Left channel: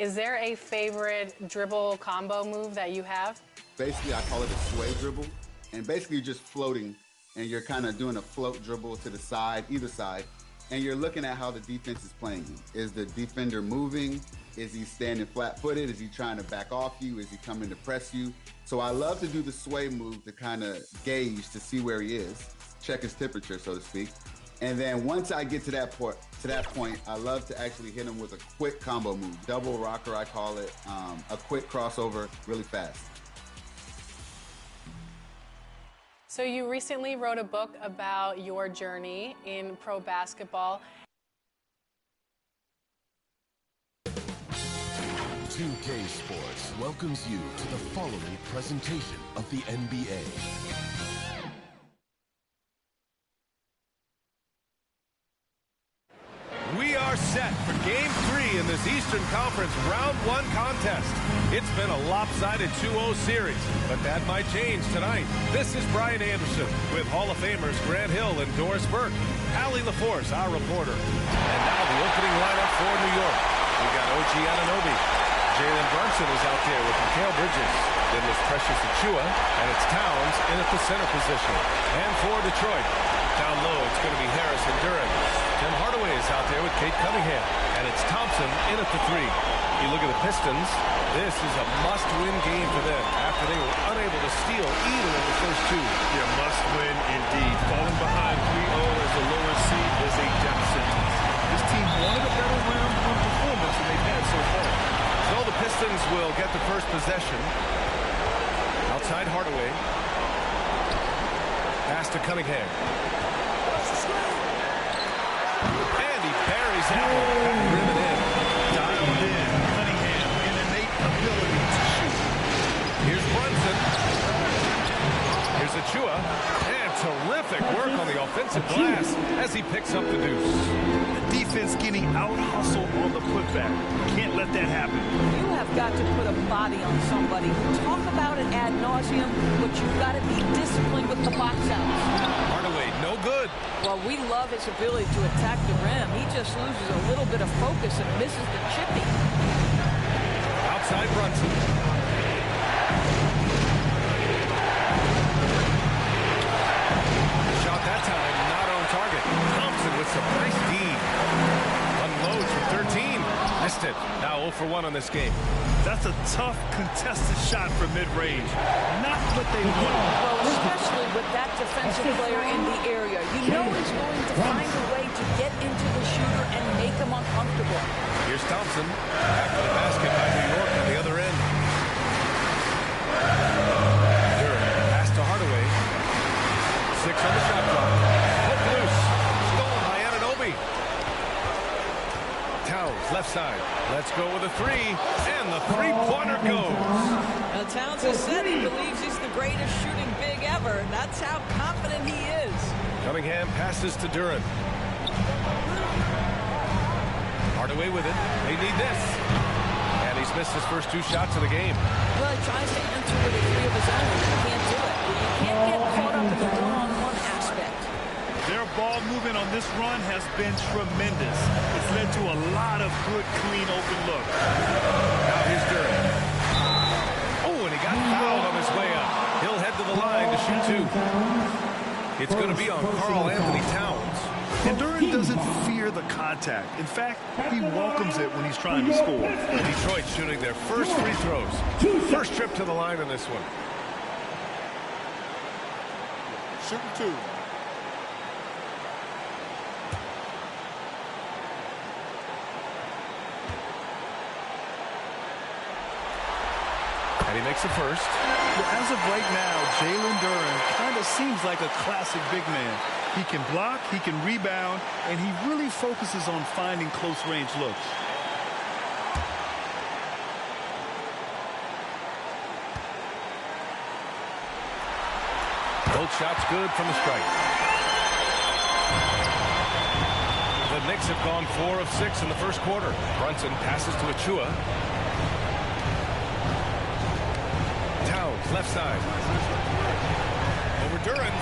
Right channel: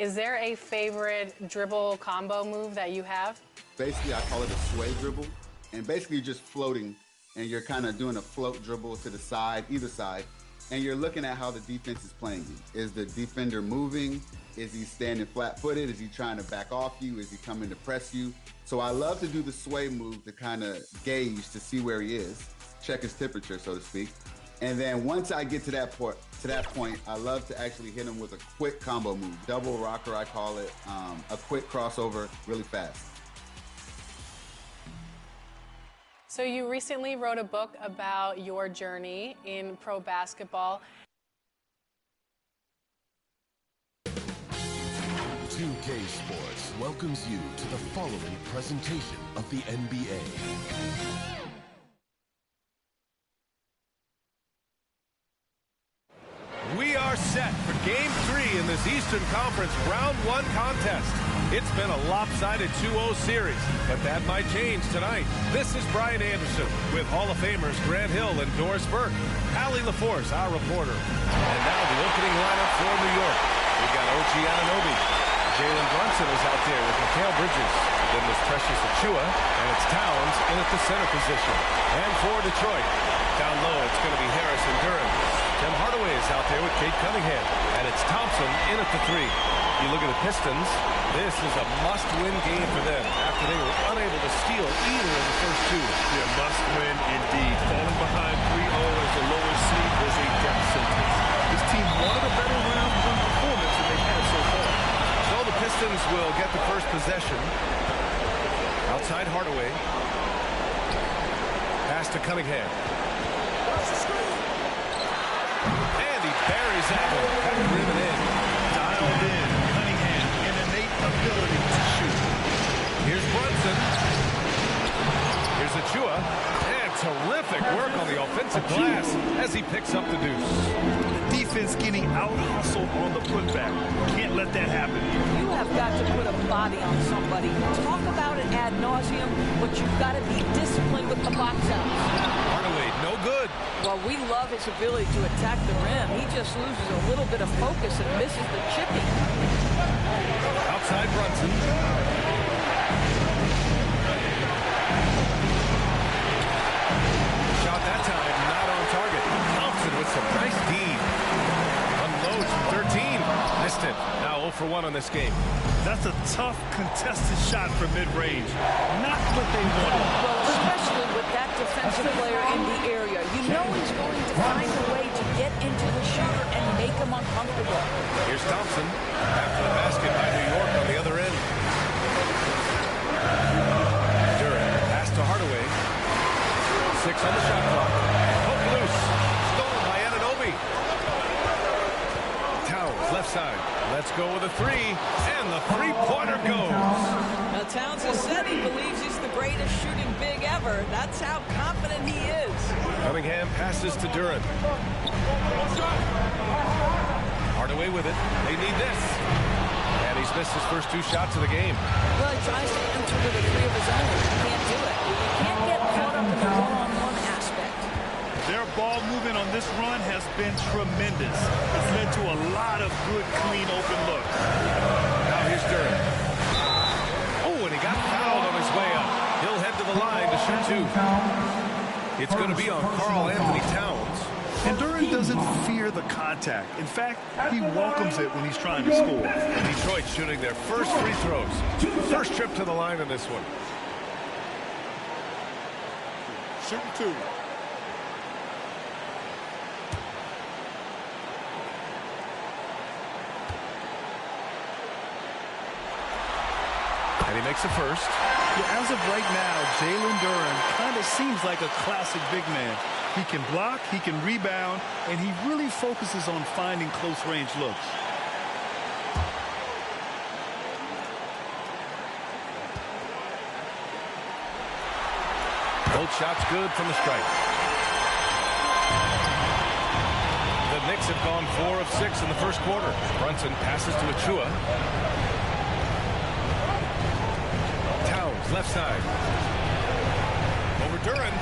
Is there a favorite dribble combo move that you have? Basically, I call it a sway dribble. And basically, you're just floating, and you're kind of doing a float dribble to the side, either side. And you're looking at how the defense is playing you. Is the defender moving? Is he standing flat-footed? Is he trying to back off you? Is he coming to press you? So I love to do the sway move to kind of gauge to see where he is, check his temperature, so to speak. And then once I get to that point, I love to actually hit him with a quick combo move, double rocker, I call it, a quick crossover, really fast. So you recently wrote a book about your journey in pro basketball. 2K Sports welcomes you to the following presentation of the NBA. We are set for Game 3 in this Eastern Conference Round 1 contest. It's been a lopsided 2-0 series, but that might change tonight. This is Brian Anderson with Hall of Famers Grant Hill and Doris Burke. Allie LaForce, our reporter. And now the opening lineup for New York. We've got OG Anunoby. Jalen Brunson is out there with Mikal Bridges. Then there's Precious Achiuwa, and it's Towns in at the center position. And for Detroit, down low, it's going to be Harris and Duren. Tim Hardaway is out there with Kate Cunningham. And it's Thompson in at the 3. You look at the Pistons, this is a must-win game for them after they were unable to steal either of the first 2. Yeah, must-win indeed. Falling behind 3-0 as the lower seed is a death sentence. This team wanted a better round 1 performance than they've had so far. So the Pistons will get the first possession. Outside Hardaway. Pass to Cunningham. And he buries that one. Back rim and in. Dialed in. Cunningham, an innate ability to shoot. Here's Brunson. Here's Achiuwa. And terrific work on the offensive glass as he picks up the deuce. The defense getting out-hustled on the putback. Can't let that happen. You have got to put a body on somebody. Talk about it ad nauseum, but you've got to be disciplined with the box outs. Hardaway, no good. Well, we love his ability to attack the rim. He just loses a little bit of focus and misses the chipping. Outside Brunson. The shot that time, not on target. Thompson with some nice D. Unloads from 13. Missed it. Now 0 for 1 on this game. That's a tough, contested shot for mid-range. Not what they wanted. Well, especially with that defensive player in the area. You know he's going to find a way to get into the shooter and make him uncomfortable. Here's Thompson. After the basket by New York on the other end. Duren. Pass to Hardaway. 6 on the shot clock. Hook loose. Stolen by Anunoby. Towns, left side. Let's go with a 3. And the three-pointer goes. Now, Towns has said he believes he's the greatest shooting big ever. That's how confident he is. Cunningham passes to Duren. Hardaway with it. They need this. And he's missed his first 2 shots of the game. Well, he tries to enter with a 3 of his own. He can't do it. You can't get caught up in the one-on-one aspect. Their ball movement on this run has been tremendous. It's led to a lot of good, clean, open looks. Now here's Duren. Oh, and he got fouled on his way up. He'll head to the line to shoot 2. It's going to be on Karl Anthony Towns. And Duren doesn't fear the contact. In fact, he welcomes it when he's trying to score. Detroit shooting their first free throws. First trip to the line in this one. Shooting 2. And he makes the first. Well, as of right now, Jalen Duren kind of seems like a classic big man. He can block, he can rebound, and he really focuses on finding close-range looks. Both shots good from the stripe. The Knicks have gone 4 of 6 in the first quarter. Brunson passes to Achiuwa. Towns, left side. Over Duren.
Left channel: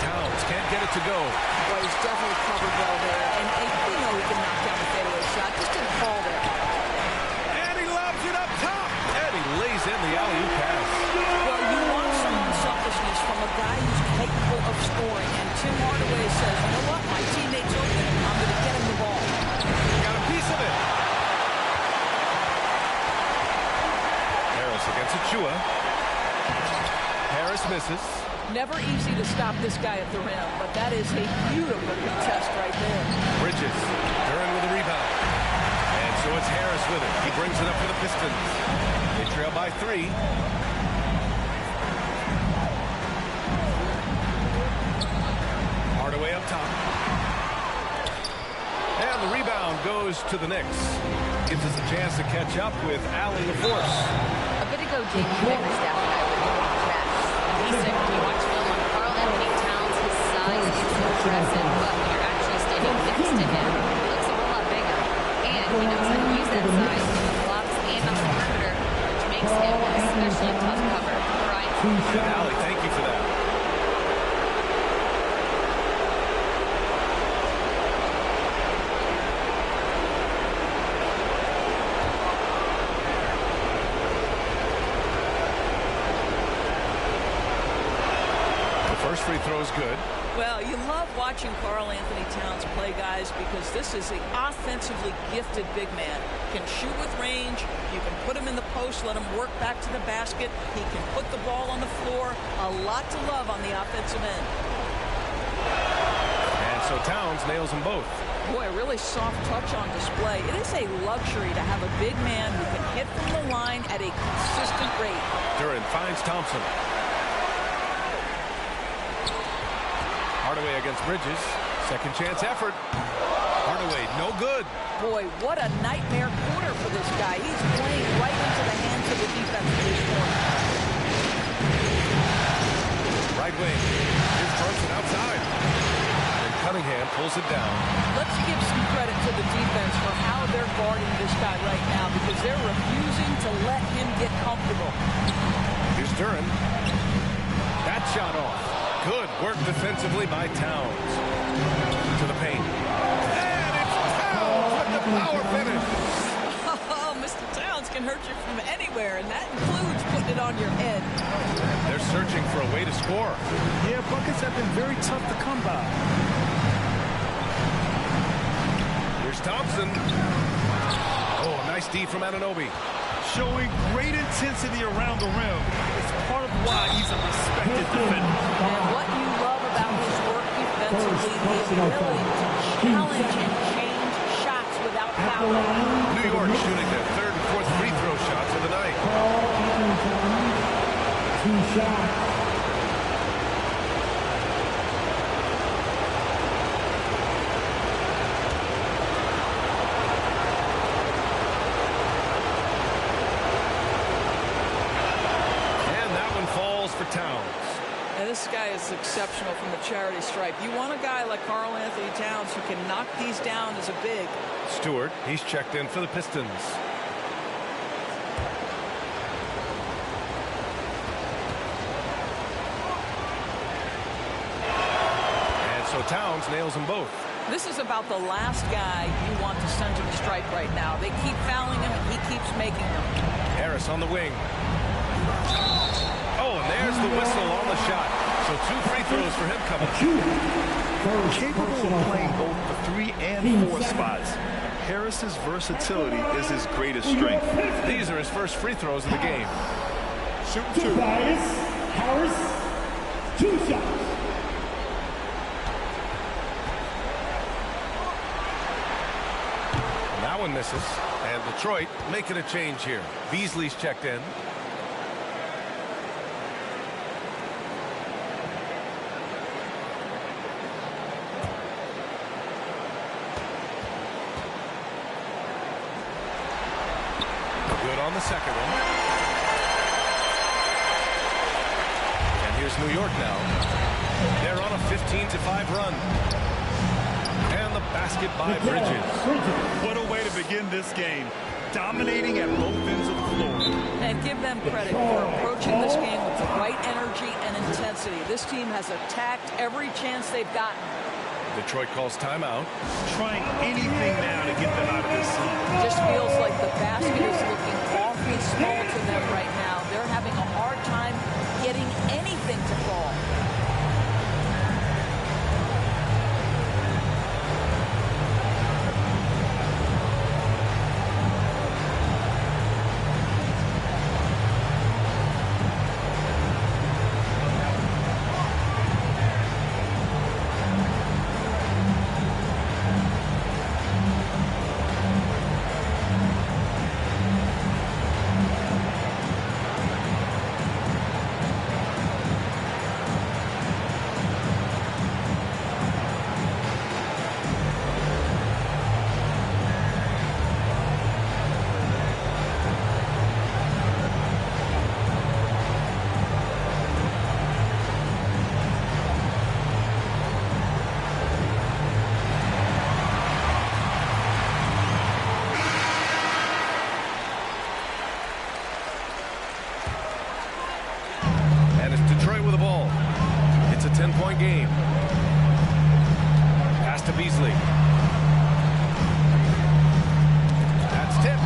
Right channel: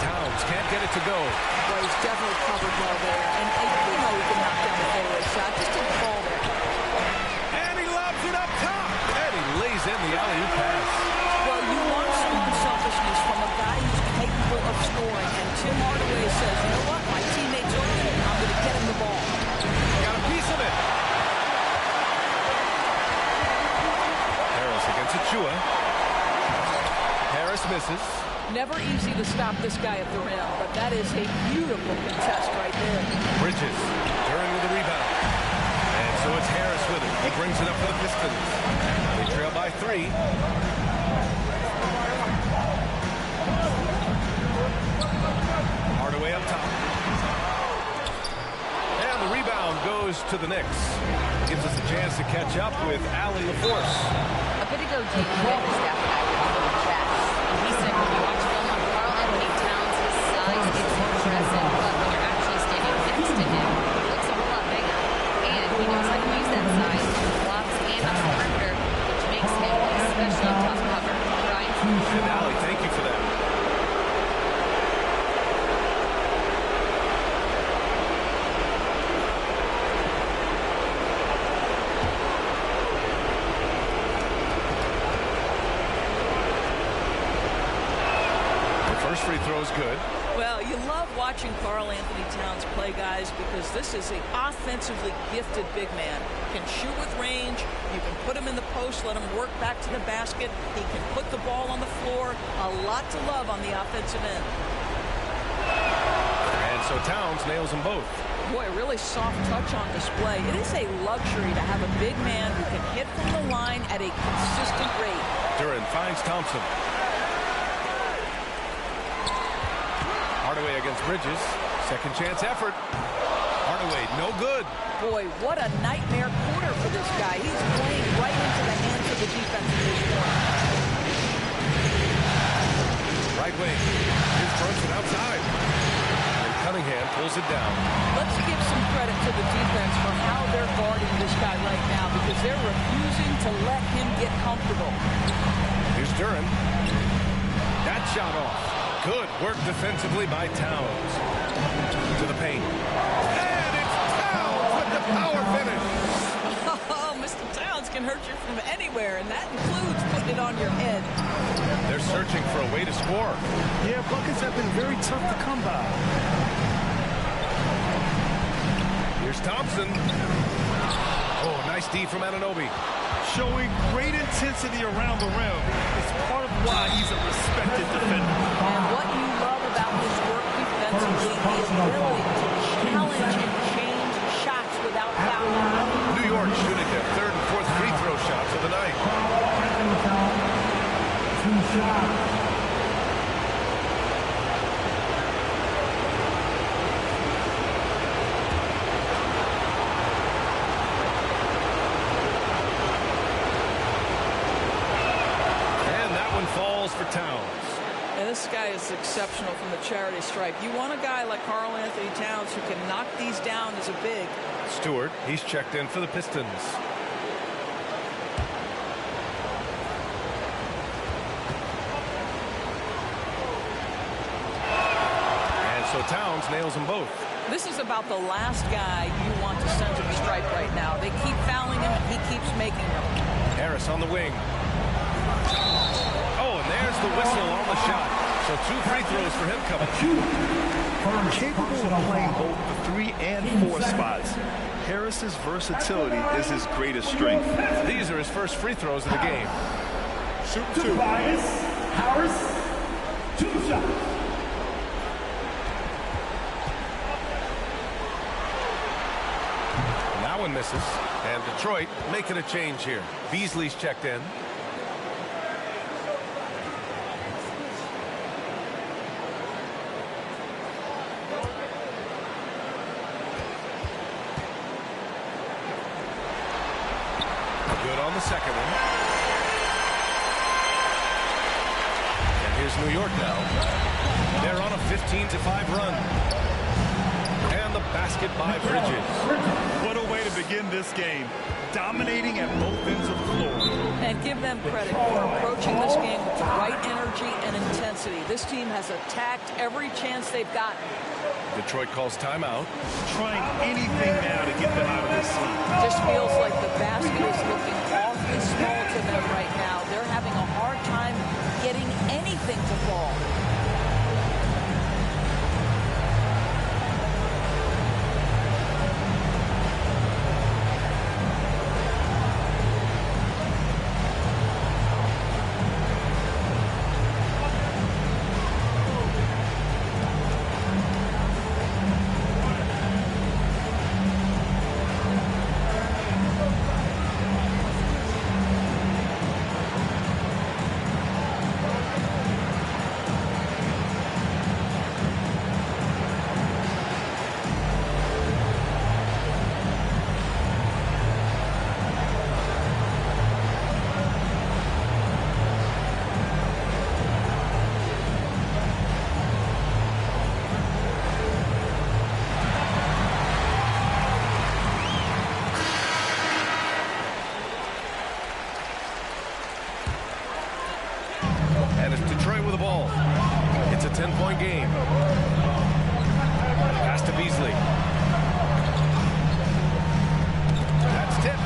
Towns can't get it to go. Well, he's definitely covered well there. And we know he can knock down the fadeaway shot. Just didn't fall there. Sends it up top. And he lays in the alley-oop pass. Well, you want some unselfishness from a guy who's capable of scoring. And Tim Hardaway says, you know what? My teammate's open. I'm going to get him the ball. Got a piece of it. Harris against Achua. Harris misses. Never easy to stop this guy at the rim, but that is a beautiful contest right there. Bridges. Duren with a rebound. And so it's Harris with it. He brings it up for the Pistons. They trail by 3. Hardaway up top. And the rebound goes to the Knicks. Gives us a chance to catch up with Allie LaForce. A bit ago, Jamie Bickerstaff and I were able to chat. And he said when you watch film on Karl Anthony Towns, his size, it's impressive. But when you're actually standing next to him, he looks a whole lot bigger. And he knows how to use that size on the blocks and on the perimeter, which makes him an especially tough cover. Brian? And Allie, thank you for that. First free throw is good. Well, you love watching Karl Anthony Towns play, guys, because this is an offensively gifted big man. Can shoot with range. You can put him in the post, let him work back to the basket. He can put the ball on the floor. A lot to love on the offensive end. And so Towns nails them both. Boy, a really soft touch on display. It is a luxury to have a big man who can hit from the line at a consistent rate. Duren finds Thompson. Hardaway against Bridges. Second chance effort. Hardaway, no good. Boy, what a nightmare quarter for this guy. He's playing right into the hands of the defense at this point. Right wing. Here's Brunson outside. And Cunningham pulls it down. Let's give some credit to the defense for how they're guarding this guy right now, because they're refusing to let him get comfortable. Here's Duren. That shot off. Good work defensively by Towns. To the paint. And it's Towns with the power finish. Oh, Mr. Towns can hurt you from anywhere, and that includes putting it on your head. They're searching for a way to score. Yeah, buckets have been very tough to come by. Here's Thompson. Oh, nice D from Anunoby. Showing great intensity around the rim. It's part of why he's a respected defender. And what you love about his work defensively, the ability to challenge and change shots without fouling. New York shooting their third and fourth free throw shots of the night. Two shots. Falls for Towns. And this guy is exceptional from the charity stripe. You want a guy like Karl Anthony Towns who can knock these down as a big. Stewart, he's checked in for the Pistons. And so Towns nails them both. This is about the last guy you want to send to the stripe right now. They keep fouling him, and he keeps making them. Harris on the wing. Oh, and there's the whistle on the shot. So 2 free throws for him coming. Capable of playing both the 3 and 4 spots. Harris's versatility is his greatest strength. These are his first free throws of the game. Shooting 2. Harris, 2 shots. And that one misses. And Detroit making a change here. Beasley's checked in. Good on the second one. And here's New York now. They're on a 15-5 run. And the basket by Bridges. What a way to begin this game. Dominating at both ends of the floor. And give them credit for approaching this game with the right energy and intensity. This team has attacked every chance they've gotten. Detroit calls timeout. Trying anything now to get them out of this slump. It just feels like the basket is looking awfully small to them right now. They're having a hard time getting anything to fall. And it's Detroit with the ball. It's a 10-point game. Pass to Beasley. That's tipped.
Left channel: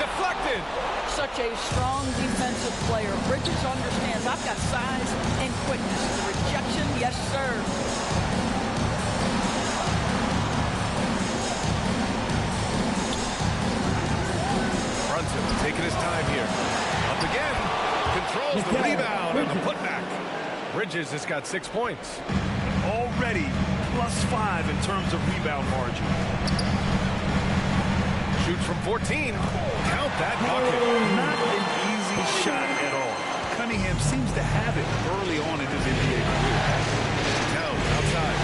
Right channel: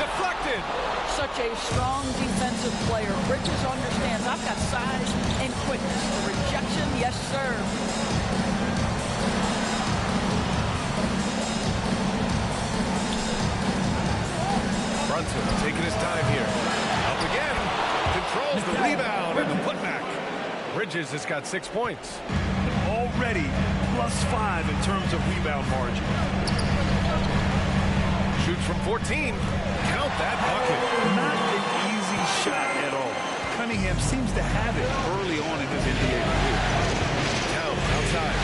Deflected. Such a strong defensive player. Bridges understands I've got size and quickness. The rejection, yes, sir. Brunson taking his time here. Up again. Controls the rebound and the putback. Bridges has got 6 points. Already +5 in terms of rebound margin. Shoots from 14. Count that bucket. Not an easy shot at all. Cunningham seems to have it early on in his NBA career. Towns outside.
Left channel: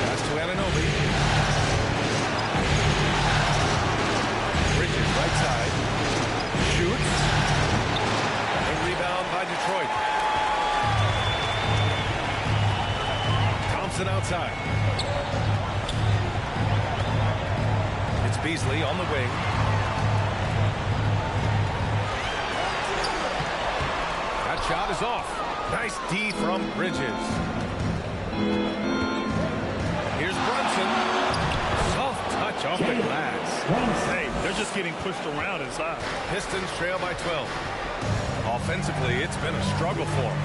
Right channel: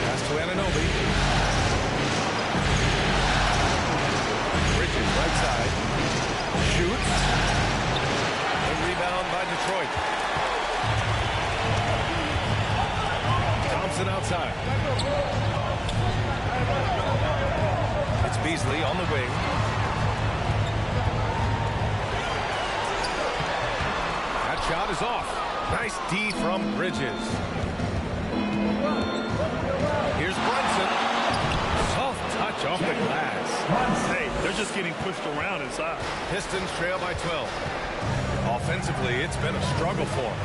Pass to Anunoby. Bridges right side. Shoots. The rebound by Detroit. Thompson outside. It's Beasley on the wing. That shot is off. Nice D from Bridges. Here's Brunson. Soft touch off the glass. Hey, they're just getting pushed around inside. Pistons trail by 12. Offensively, it's been a struggle for them.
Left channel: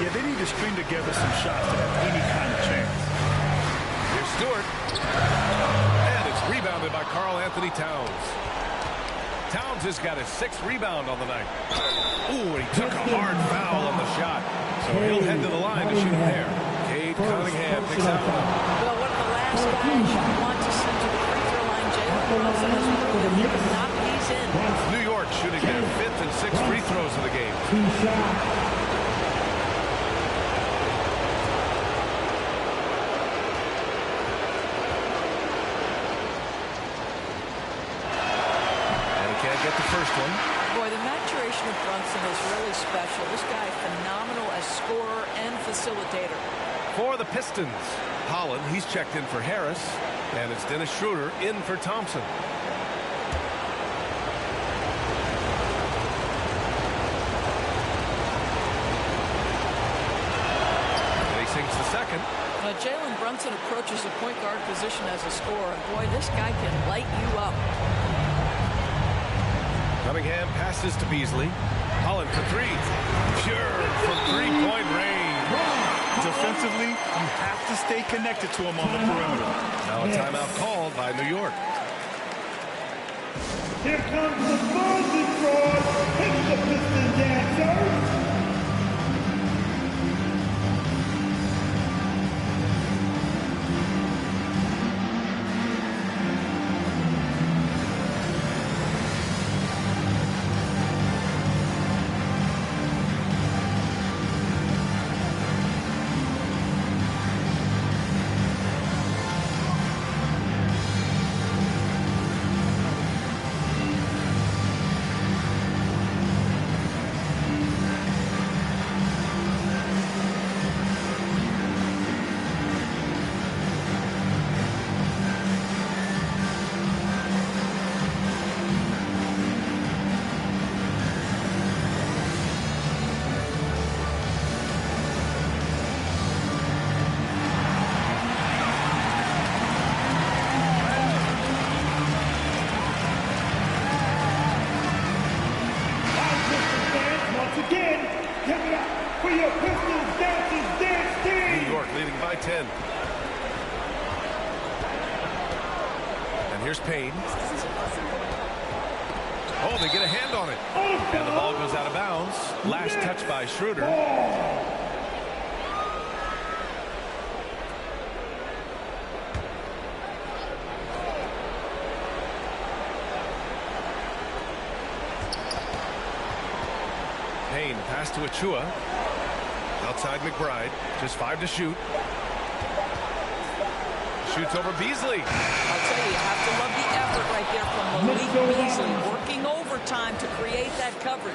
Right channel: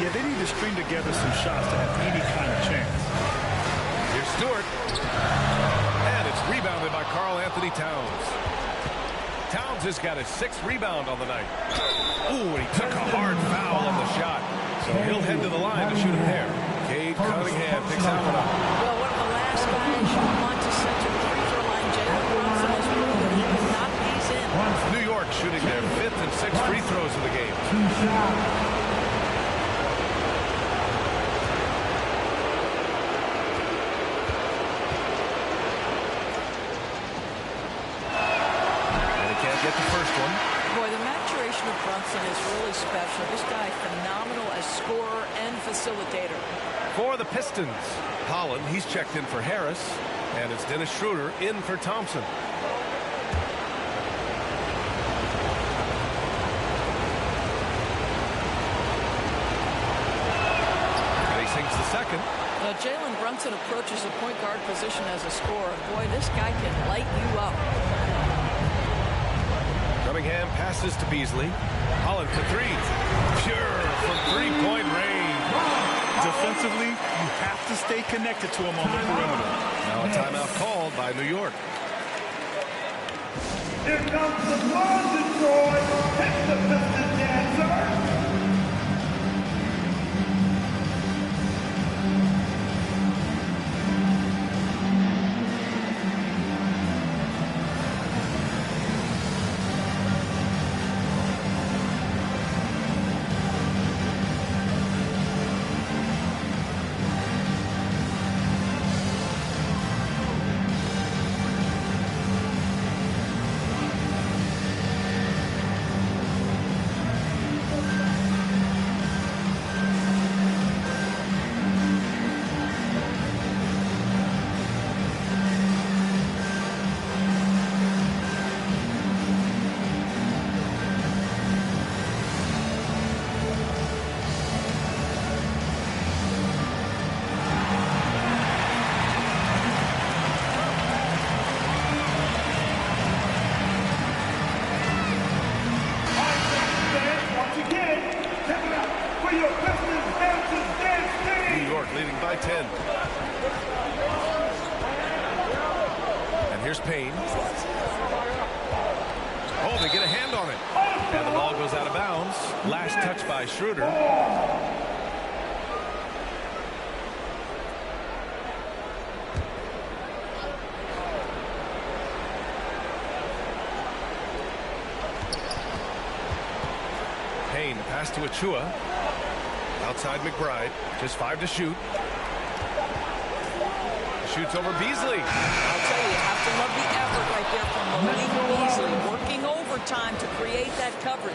Yeah, they need to string together some shots to have any kind of chance. Here's Stewart. And it's rebounded by Karl Anthony Towns. Towns has got his 6th rebound on the night. Ooh, and he took a hard foul on the shot. So he'll head to the line to shoot a pair. Cade Cunningham picks that one up. Well, one of the last guys you want to send to the free throw line, Jalen Brunson has proven he can knock these in. New York shooting their 5th and 6th free throws of the game. And he can't get the first one. Boy, the maturation of Brunson is really special. This guy, phenomenal as scorer and facilitator. For the Pistons, Holland, he's checked in for Harris, and it's Dennis Schroeder in for Thompson. And he sinks the second. Jalen Brunson approaches the point guard position as a scorer, and boy, this guy can light you up. Cunningham passes to Beasley. Holland for 3. Pure from 3-point range. Defensively, you have to stay connected to him on the perimeter. Now a timeout called by New York. Here comes the ball, Detroit. It's the Pistons dancers. Give it up for your Pistons dance team. New York leading by 10. And here's Payne. Oh, they get a hand on it. And the ball goes out of bounds. Last touch by Schroeder. Payne, the pass to Achua. Outside McBride. Just 5 to shoot. Shoots over Beasley. I'll tell you have to love the effort right there from Malik Beasley, working overtime to create that coverage.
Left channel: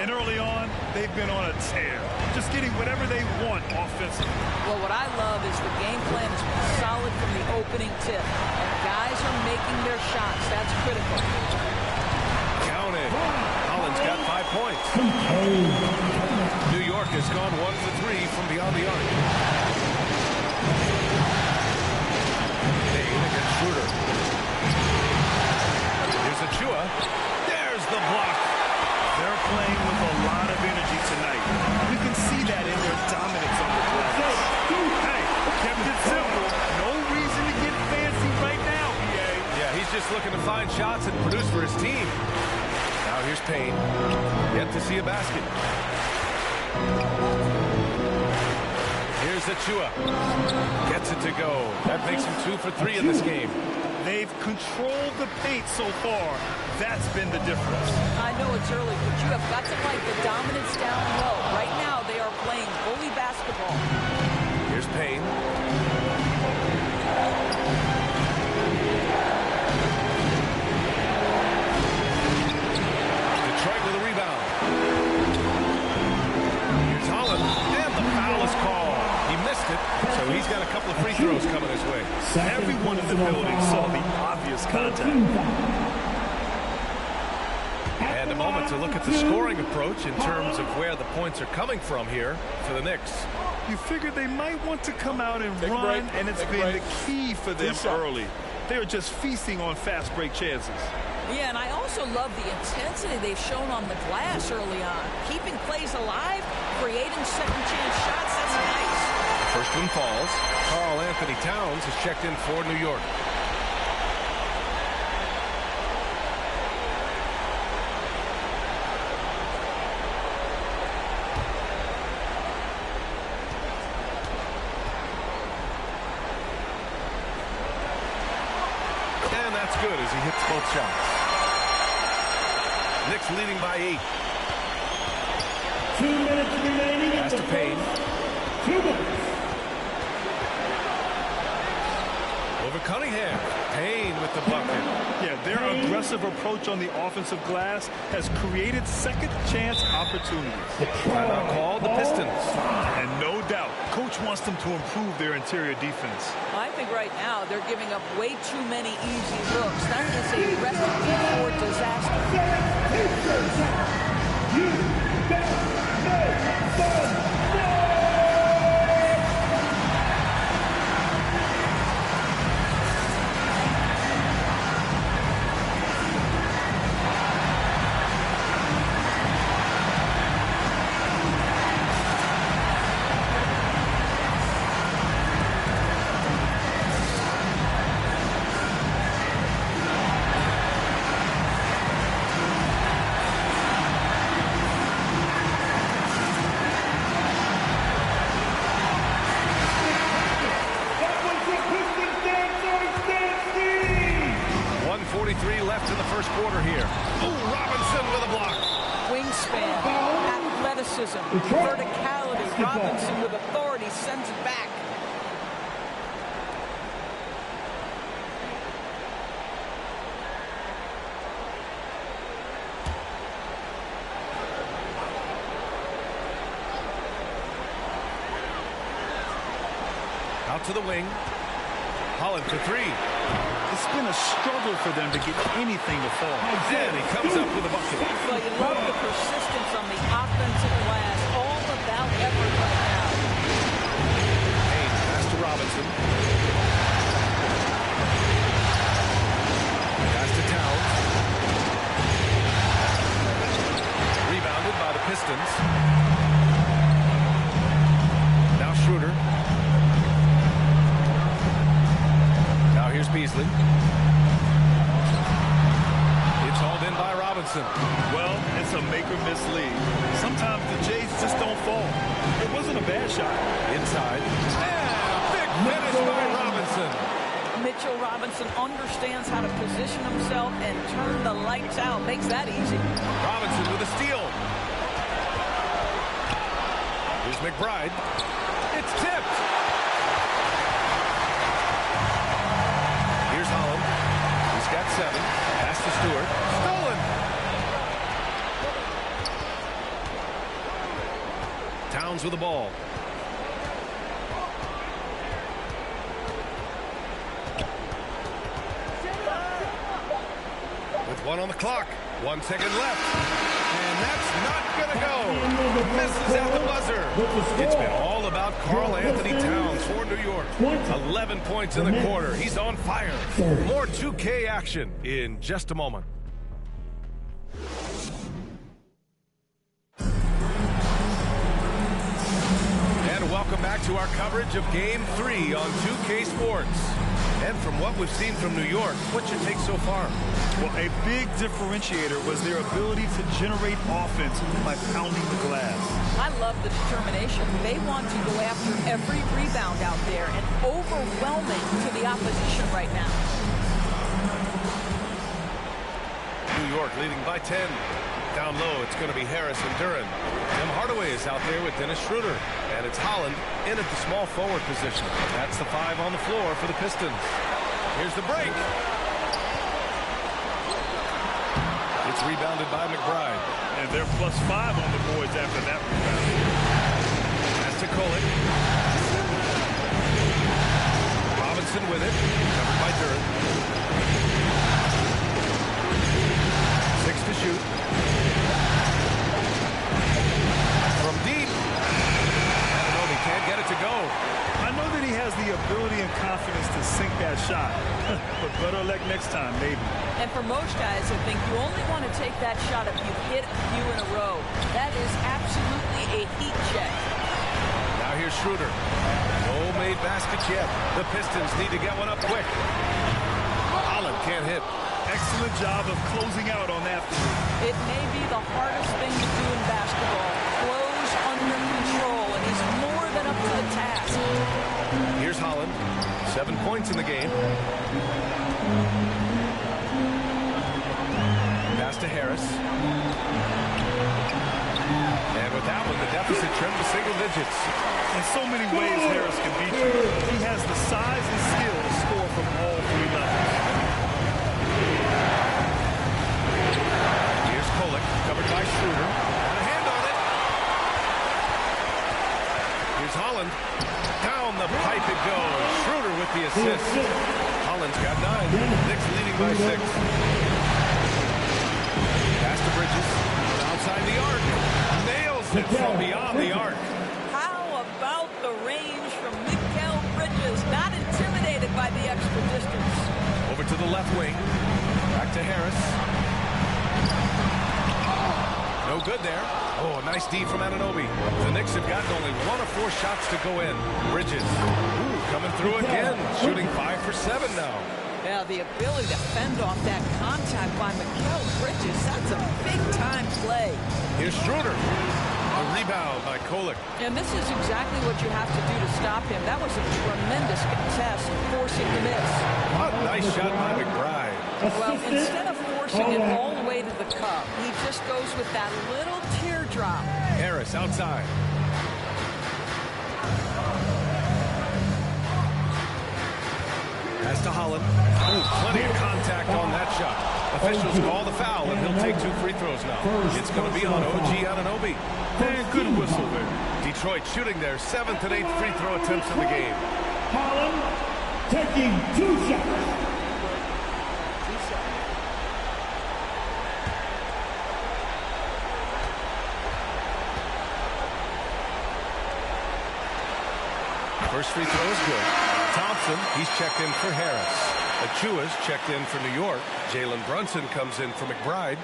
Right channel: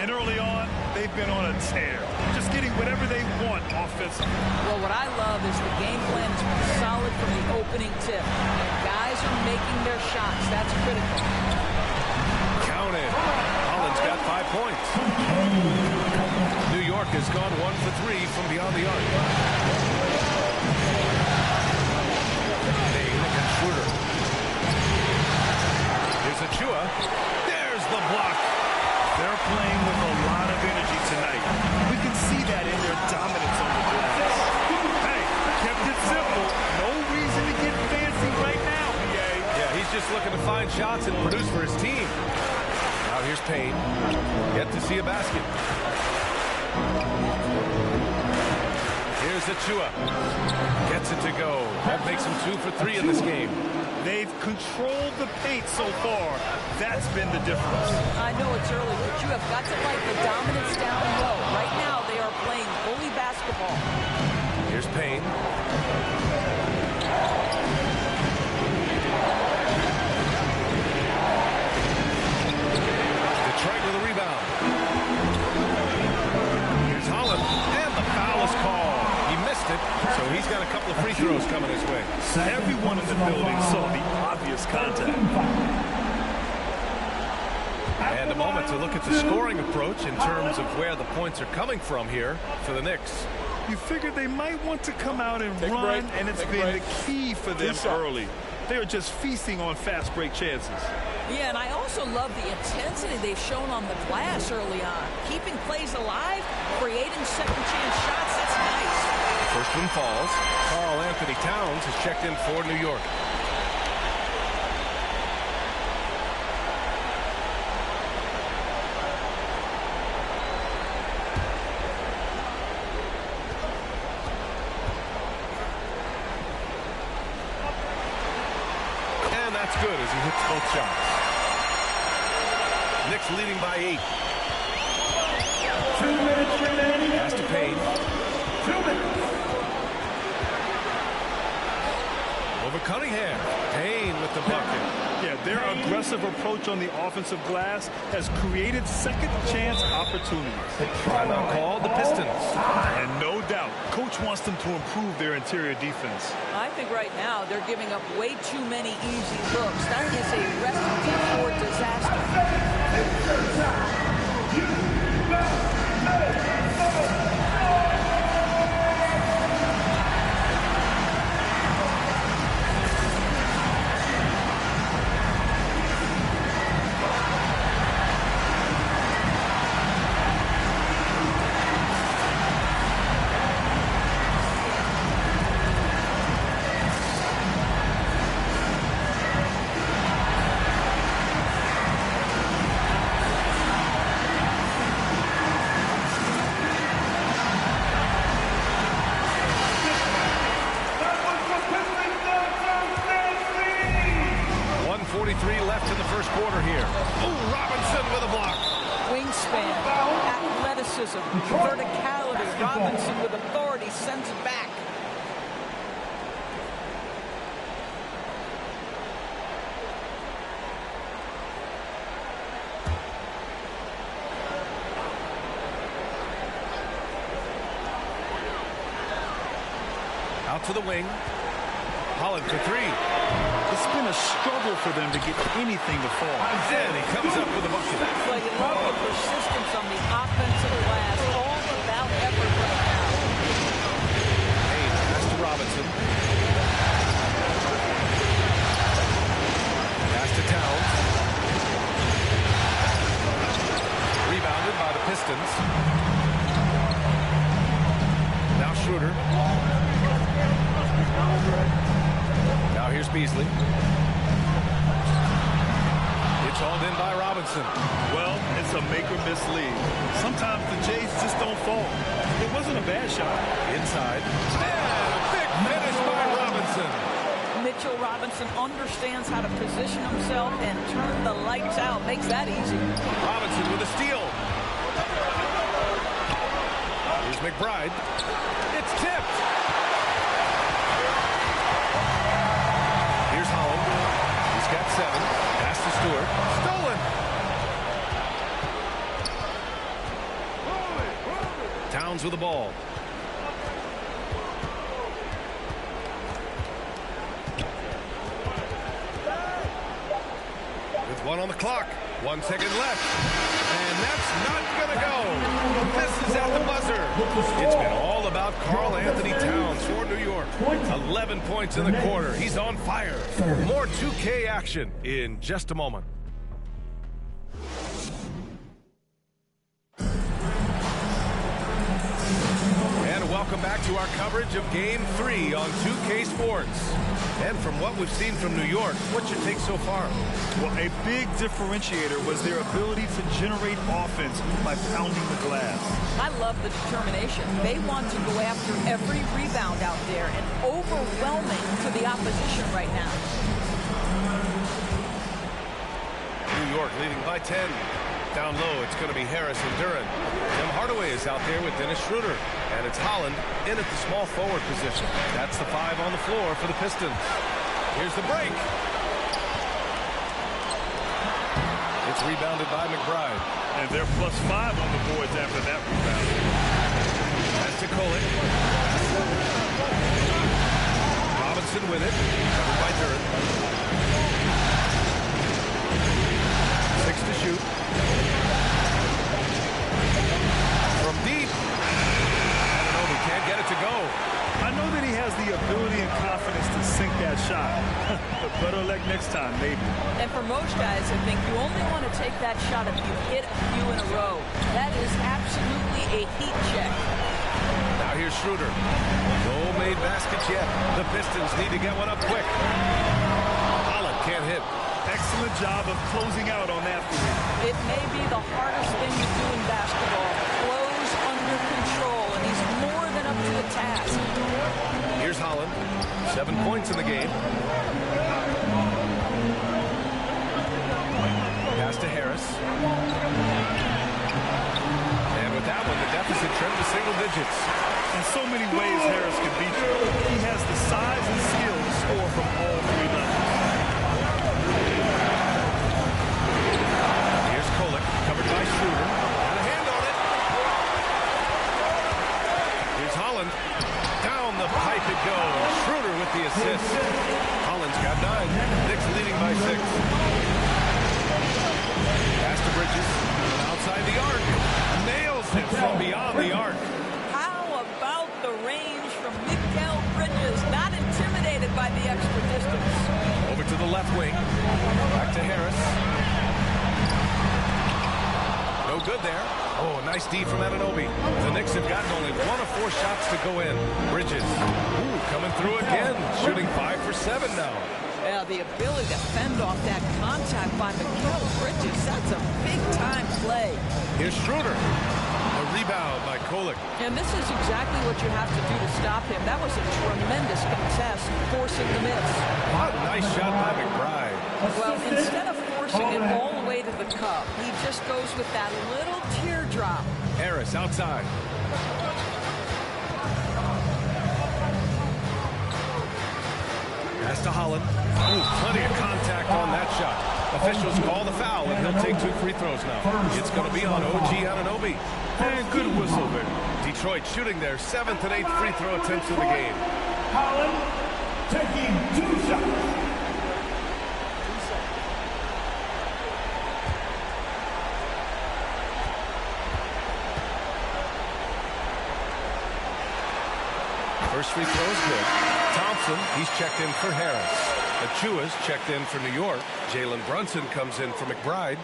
And early on, they've been on a tear, just getting whatever they want offensively. Well, what I love is the game plan has been solid from the opening tip, and guys are making their shots. That's critical. Count it. Holland's got 5 points. New York has gone 1 for 3 from beyond the arc. Schroeder. Here's Achua. There's the block. They're playing with a lot of energy tonight. We can see that in their dominance on the glass. Hey, kept it simple. No reason to get fancy right now, BA. Yeah, he's just looking to find shots and produce for his team. Now here's Payne. Yet to see a basket. Here's Achua. Gets it to go. That makes him 2 for 3 in this game. They've controlled the paint so far. That's been the difference. I know it's early, but you have got to like the dominance down low. Right now, they are playing bully basketball. Here's Payne. Detroit with a rebound. Here's Holland, and the foul is called. He missed it, so he's got a couple of free throws coming his way. Everyone in the building saw the obvious contact. And a moment to look at the scoring approach in terms of where the points are coming from here for the Knicks. You figured they might want to come out and run, and it's been the key for them early. They are just feasting on fast break chances. Yeah, and I also love the intensity they've shown on the glass early on. Keeping plays alive, creating second chance shots, that's nice. The first one falls. Karl Anthony Towns has checked in for New York. And that's good as he hits both shots. Knicks leading by 8. 2 minutes remaining. Pass to Payne. 2 minutes. Over Cunningham. Payne with the bucket. Yeah, their aggressive approach on the offensive glass has created second chance opportunities. Timeout called the Pistons. And no doubt, coach wants them to improve their interior defense. I think right now they're giving up way too many easy looks. That is a recipe for disaster. You got left in the first quarter here. Oh, Robinson with a block. Wingspan, athleticism, verticality. Robinson with authority sends it back. Out to the wing. Holland for 3. It's been a struggle for them to get anything to fall. And he comes up with a bucket. Well, you love the persistence on the offensive glass. All about effort right now. Payne pass to Robinson. Pass to Towns. Rebound rebounded by the Pistons. Now Schroeder. Now here's Beasley. It's hauled in by Robinson. Well, it's a make-or-miss league. Sometimes the Jays just don't fall. It wasn't a bad shot. Inside. And a big finish by Robinson. Mitchell Robinson understands how to position himself and turn the lights out. Makes that easy. Robinson with a steal. Here's McBride. It's tipped. Here's Holland. He's got 7. Pass to Stewart. Stolen. Towns with the ball. With 1 on the clock. 1 second left. And that's not going to go. Misses at the buzzer. It's been all about Karl Anthony Towns for New York. 11 points in the quarter. He's on fire. More 2K action in just a moment. And welcome back to our coverage of Game 3 on 2K Sports. And from what we've seen from New York, what's your take so far? Well, a big differentiator was their ability to generate offense by pounding the glass. I love the determination. They want to go after every rebound out there and overwhelming to the opposition right now. New York leading by 10. Down low, it's going to be Harris and Duran. Tim Hardaway is out there with Dennis Schroeder. And it's Holland in at the small forward position. That's the 5 on the floor for the Pistons. Here's the break. It's rebounded by McBride. And they're +5 on the boards after that rebound. That's to Kolek. Robinson with it. Covered by Duran. 6 to shoot. From deep. Anunoby can't get it to go. I know that he has the ability and confidence to sink that shot. But better luck next time, maybe. And for most guys, I think you only want to take that shot if you've hit a few in a row. That is absolutely a heat check. Now here's Schroeder. No made baskets yet. The Pistons need to get one up quick. Holland can't hit. Excellent job of closing out on that three. It may be the hardest thing to do in basketball. Close under control, and he's more than up to the task. Here's Holland. 7 points in the game. Pass to Harris. And with that one, the deficit trimmed to single digits. In so many ways, Harris can beat you. He has the size and skill to score from all 3 levels. Here's Kolek, covered by Schroeder. Got a hand on it. Here's Holland. Down the pipe it goes. Schroeder with the assist. Holland's got 9. Knicks leading by 6. Pass to Bridges. From outside the arc. Nails it from beyond the arc. How about the range from Mikal Bridges? Not intimidated by the extra distance. Over to the left wing. Back to Harris. No good there. Oh, nice D from Anunoby. The Knicks have gotten only 1 of 4 shots to go in. Bridges. Ooh, coming through again. Shooting 5 for 7 now. Yeah, the ability to fend off that contact by Mikal Bridges, that's a big-time play. Here's Schroeder. The rebound by Kolek. And this is exactly what you have to do to stop him. That was a tremendous contest, forcing the miss. Oh, nice shot by McBride. Well, instead of forcing it all the way to the cup, he just goes with that little teardrop. Harris outside. Pass to Holland. Ooh, plenty of contact on that shot. Officials call the foul, and he'll take 2 free throws now. It's going to be on OG Anunoby. And good whistle there. Detroit shooting their 7th and 8th free throw attempts of the game. Holland taking 2 shots. First free throw is good. Thompson, he's checked in for Harris. Achua's checked in for New York. Jalen Brunson comes in for McBride.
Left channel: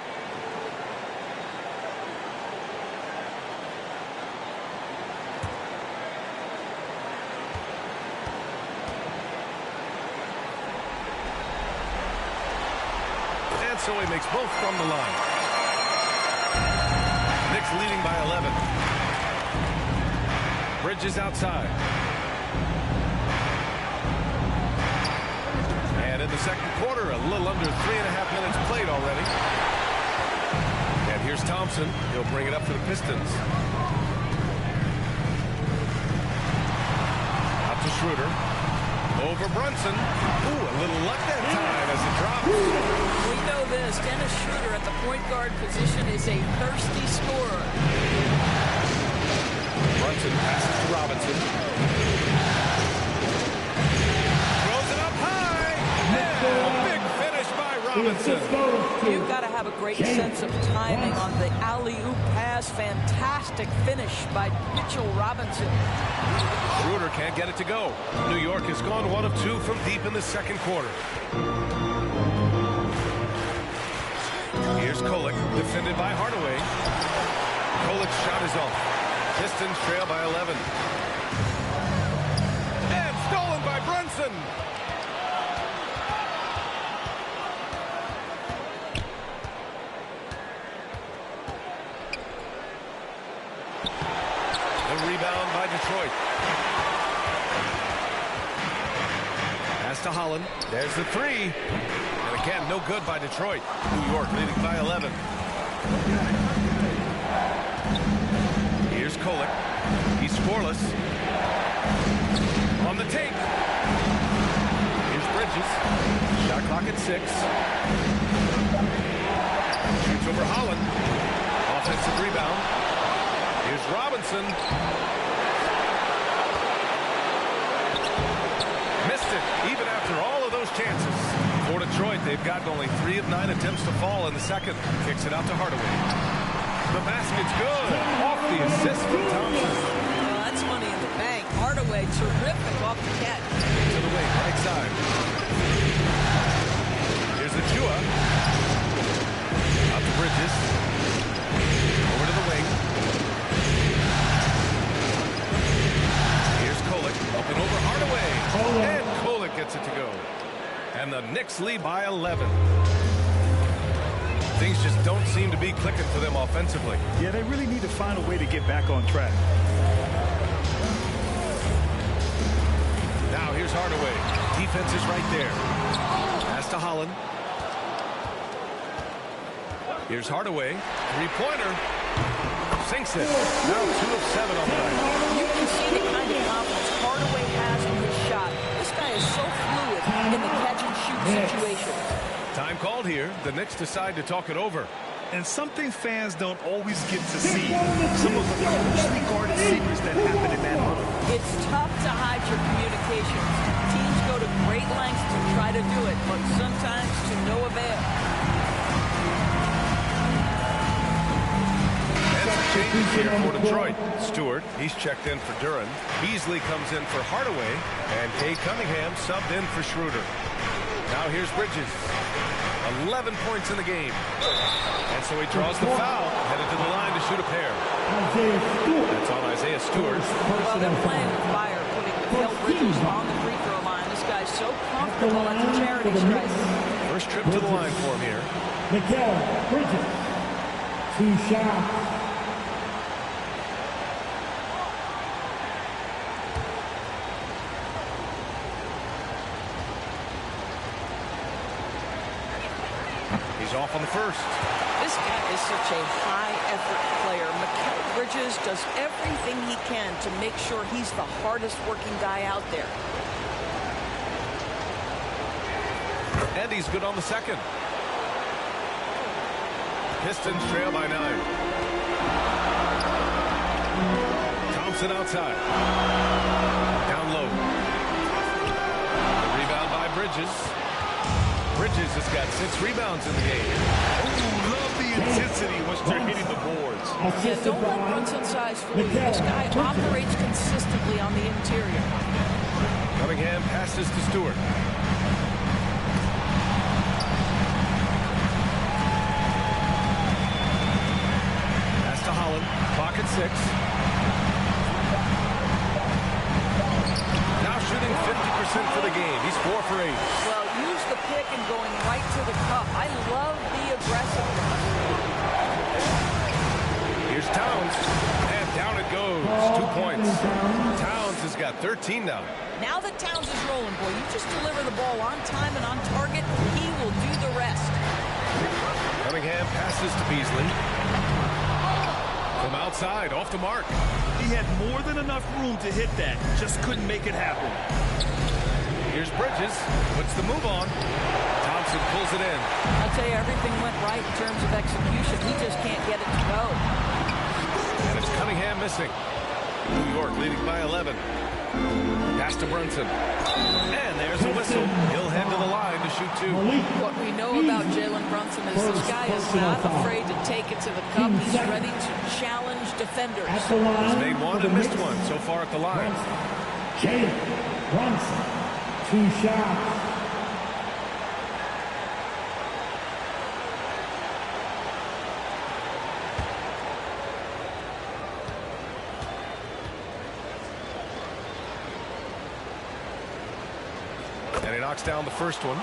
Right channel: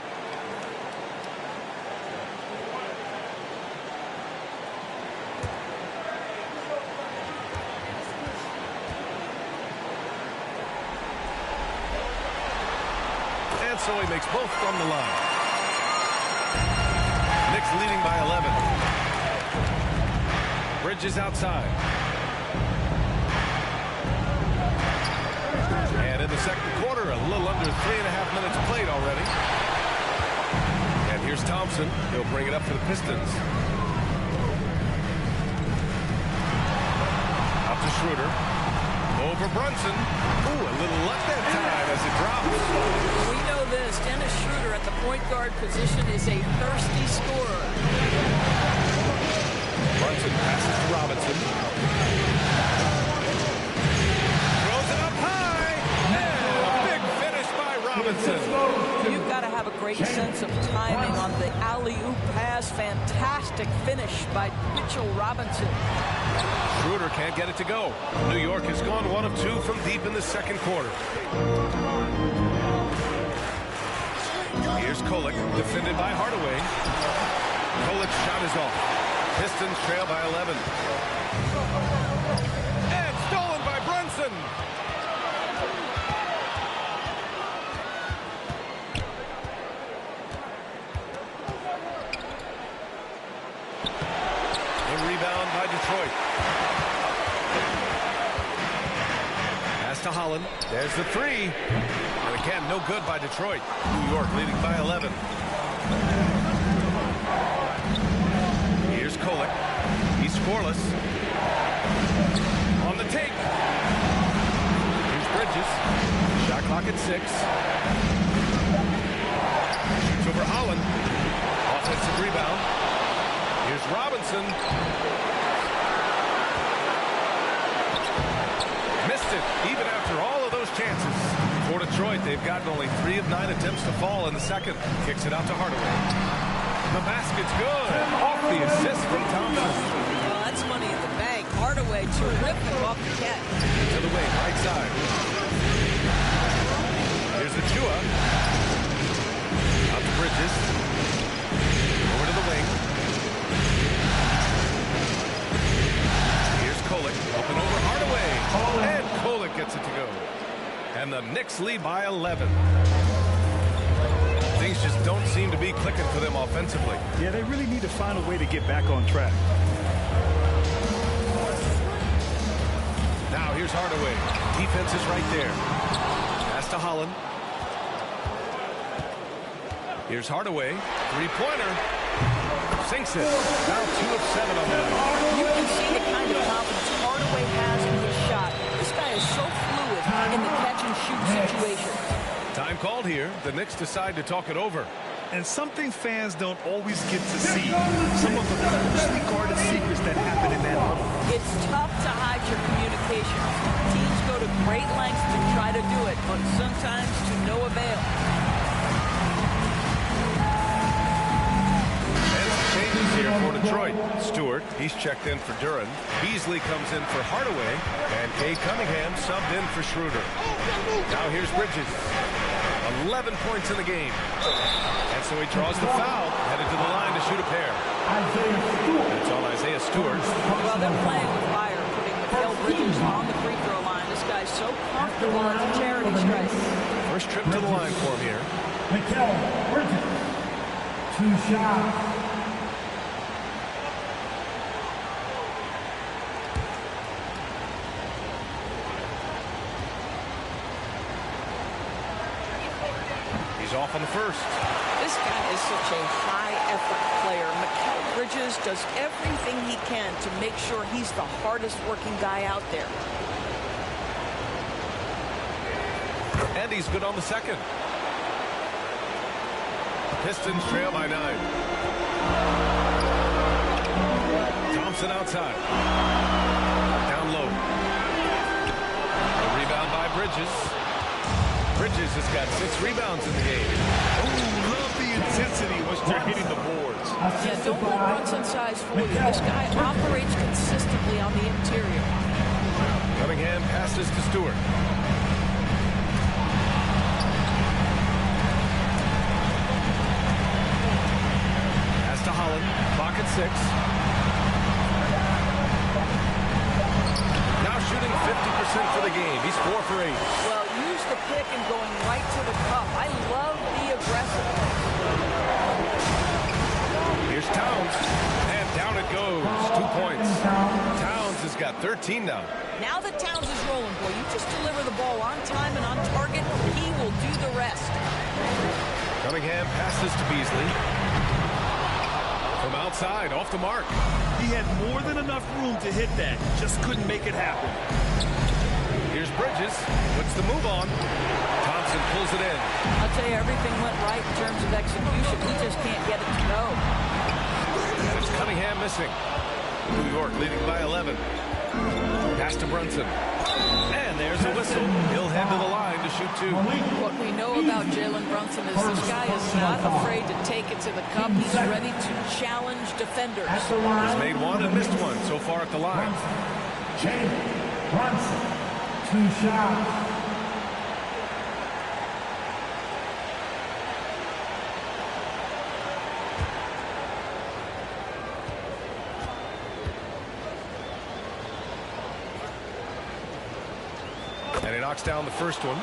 And so he makes both from the line. Knicks leading by 11. Bridges outside. And in the second quarter, a little under 3.5 minutes played already. And here's Thompson. He'll bring it up for the Pistons. Out to Schroeder. Over Brunson. Ooh, a little luck that time as it drops. We know this. Dennis Schroeder at the point guard position is a thirsty scorer. Brunson passes to Robinson. Throws it up high. And a big finish by Robinson. You've got to have a great sense of timing on the alley-oop pass. Fantastic finish by Mitchell Robinson. Schroeder can't get it to go. New York has gone 1 of 2 from deep in the second quarter. Here's Kolek, defended by Hardaway. Kolek's shot is off. Pistons trail by 11. And stolen by Brunson. The rebound by Detroit. Pass to Holland. There's the three. And again, no good by Detroit. New York leading by 11. Here's Kolek. He's scoreless. On the take. Here's Bridges. Shot clock at 6. Shoots over Holland. Offensive rebound. Here's Robinson. Missed it, even after all of those chances. For Detroit, they've gotten only 3 of 9 attempts to fall in the second. Kicks it out to Hardaway. The basket's good. Off the assist from Thompson. Well, that's money in the bank. Hardaway, terrific off the catch. To the wing, right side. Here's Achua. Out to Bridges. Over to the wing. Kolek up and over Hardaway. And Kolek gets it to go. And the Knicks lead by 11. Things just don't seem to be clicking for them offensively. Yeah, they really need to find a way to get back on track. Now here's Hardaway. Defense is right there. Pass to Holland. Here's Hardaway. Three-pointer. Sinks it. Now 2 of 7 on the night. You can see the kind of confidence Hardaway has in his shot. This guy is so fluid in the catch-and-shoot situations. Time called here. The Knicks decide to talk it over. And something fans don't always get to see. Some of the closely guarded secrets that happen in that huddle. It's tough to hide your communications. Teams go to great lengths to try to do it, but sometimes to no avail. Changes here for Detroit. Stewart, he's checked in for Duran. Beasley comes in for Hardaway. And Cade Cunningham subbed in for Schroeder. Now here's Bridges. 11 points in the game. And so he draws the foul, headed to the line to shoot a pair. That's on Isaiah Stewart. Well, they're playing with fire, putting Mikal Bridges on the free throw line. This guy's so comfortable at the charity stripe. First trip to the line for him here. Mikal Bridges. 2 shots. He's off on the first. This guy is such a high-effort player. Mikal Bridges does everything he can to make sure he's the hardest-working guy out there. And he's good on the second. Pistons trail by 9. Thompson outside. Down low. The rebound by Bridges. Bridges has got 6 rebounds in the game. Oh, love the intensity once they're hitting the boards. Yeah, don't let Brunson size fool you. This guy operates consistently on the interior. Cunningham passes to Stewart. Pass to Holland. Clock at 6. Now shooting 50%. 100% for the game. He's 4 for 8. Well, use the pick and going right to the cup. I love the aggressiveness. Here's Towns, and down it goes. 2 points. Towns has got 13 now. Now that Towns is rolling, boy, you just deliver the ball on time and on target. He will do the rest. Cunningham passes to Beasley. From outside, off the mark. He had more than enough room to hit that. Just couldn't make it happen. Here's Bridges. Puts the move on. Thompson pulls it in. I'll tell you, everything went right in terms of execution. He just can't get it to go. And it's Cunningham missing. New York leading by 11. Pass to Brunson. And there's a whistle. He'll head to the line to shoot 2. What we know about Jalen Brunson is this guy is not afraid to take it to the cup. He's ready to challenge defenders. He's made 1 and missed 1 so far at the line. Jalen Brunson, 2 shots. And he knocks down the first one.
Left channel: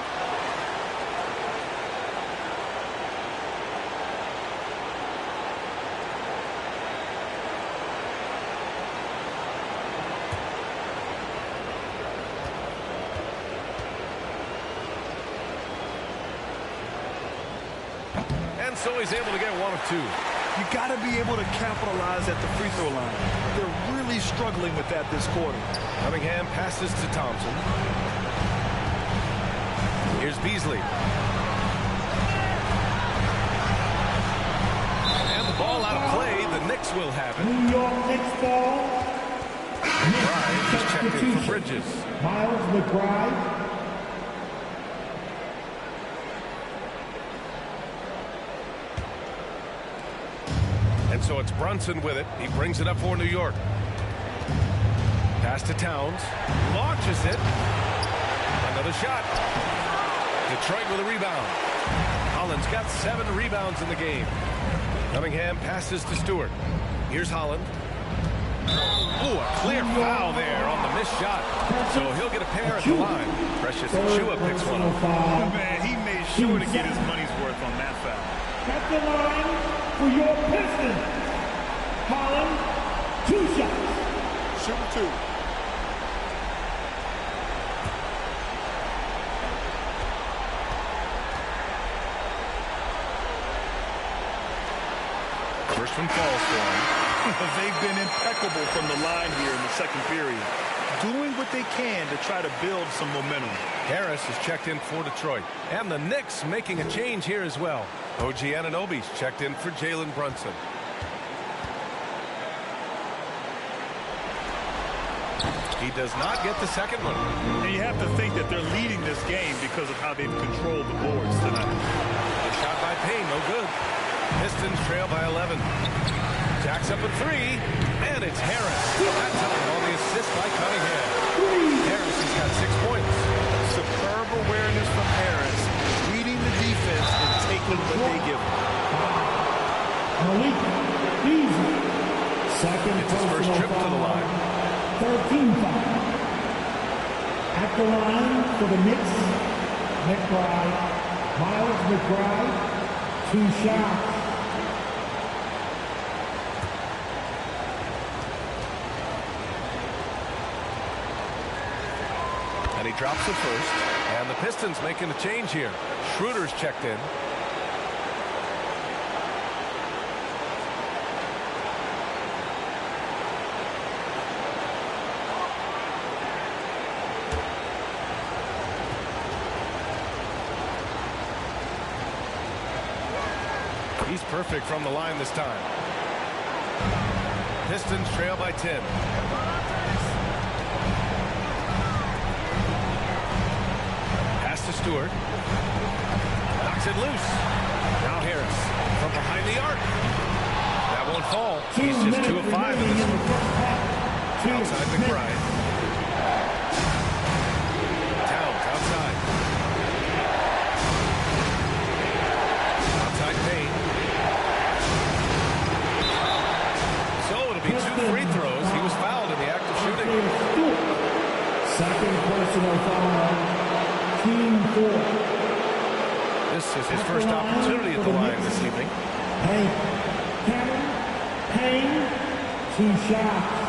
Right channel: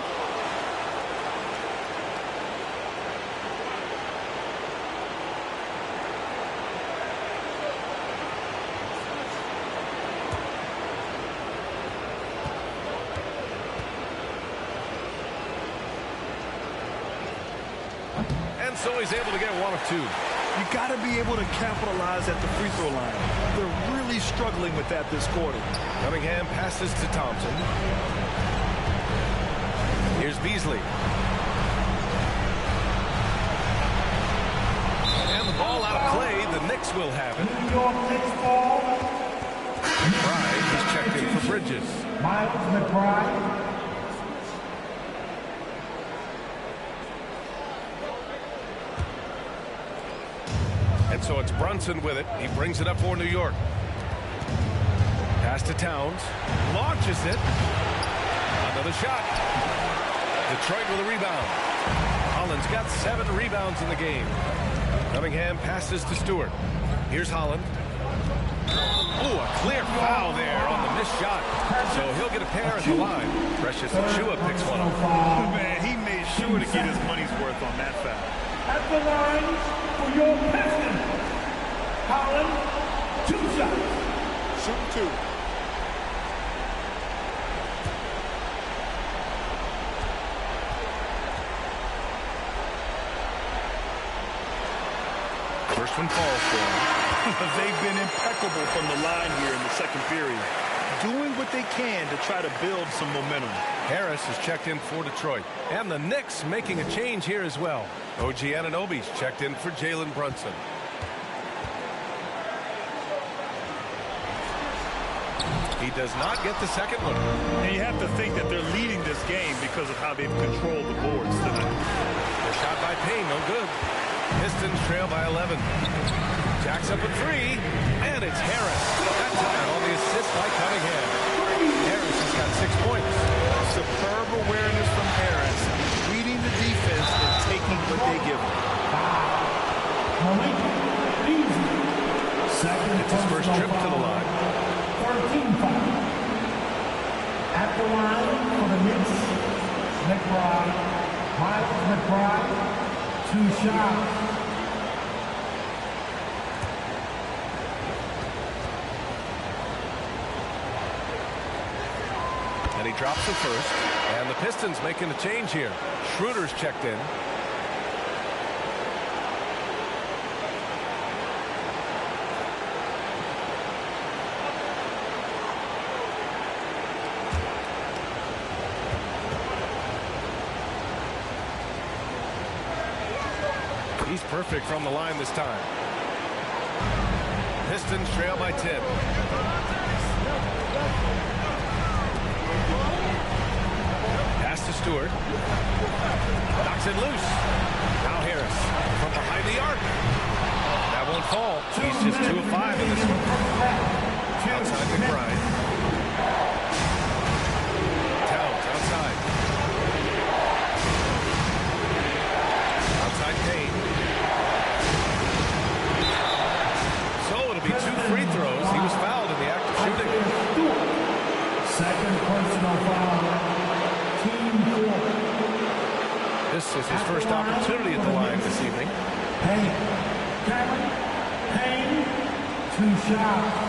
And so he's able to get 1 of 2. You got to be able to capitalize at the free throw line. They're really struggling with that this quarter. Cunningham passes to Thompson. Here's Beasley. And the ball out of play. The Knicks will have it. New York Knicks ball. McBride is checked in for Bridges. Miles McBride. And so it's Brunson with it. He brings it up for New York. Pass to Towns. Launches it. Another shot. Detroit with a rebound. Holland's got 7 rebounds in the game. Cunningham passes to Stewart. Here's Holland. Oh, a clear foul there on the missed shot. So he'll get a pair at the line. Precious Achiuwa picks one up. Man, he made sure to get his money's worth on that foul. At the line for your Pistons. Holland, 2 shots. Shoot 2. First one falls for him. They've been impeccable from the line here in the second period. Doing what they can to try to build some momentum. Harris is checked in for Detroit. And the Knicks making a change here as well. OG Anunoby's checked in for Jalen Brunson. He does not get the second one. And you have to think that they're leading this game because of how they've controlled the boards tonight. The shot by Payne, no good. Pistons trail by 11. Jacks up a 3, and it's Harris. That time on the assist by Cunningham. Harris has got 6 points. Superb awareness from Harris, reading the defense and taking what they give him. Malik Beasley. Second. It's his first trip to the line. 13 foul. At the line for the Knicks, McBride. Miles McBride, 2 shots. And he drops the first. And the Pistons making a change here. Schroeder's checked in. He's perfect from the line this time. Pistons trail by 10. Pass to Stewart. Knocks it loose. Now Harris from behind the arc. That won't fall. He's just 2 of 5 in this one. Outside McBride. Towns outside. Outside Payne. So it'll be 2 free throws. He was fouled in the act of shooting. Second personal foul. Team 4. This is his first opportunity at the line this evening. Payne. Cameron Payne. 2 shots.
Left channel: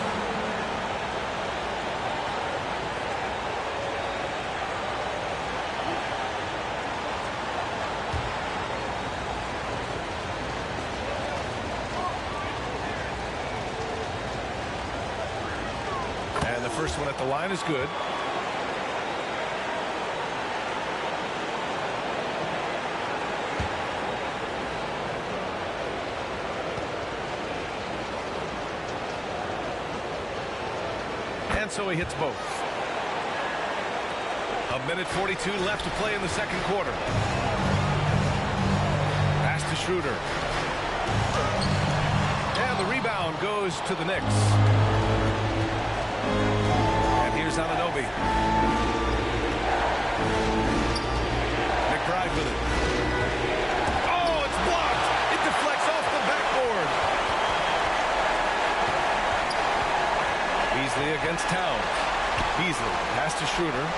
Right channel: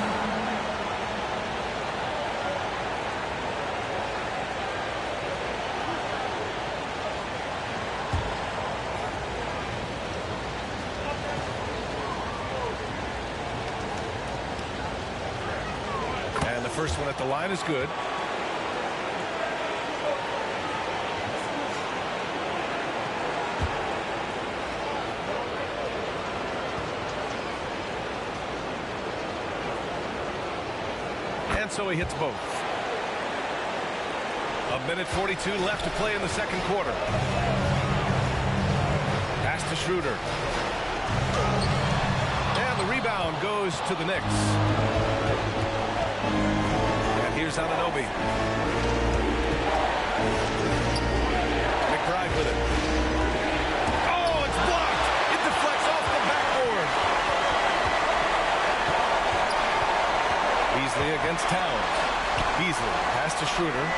And the first one at the line is good. And so he hits both. 1:42 left to play in the second quarter. Pass to Schroeder. And the rebound goes to the Knicks. And here's Anunoby. McBride with it. Oh, it's blocked. It deflects off the backboard. Beasley against Towns. Beasley pass to Schroeder.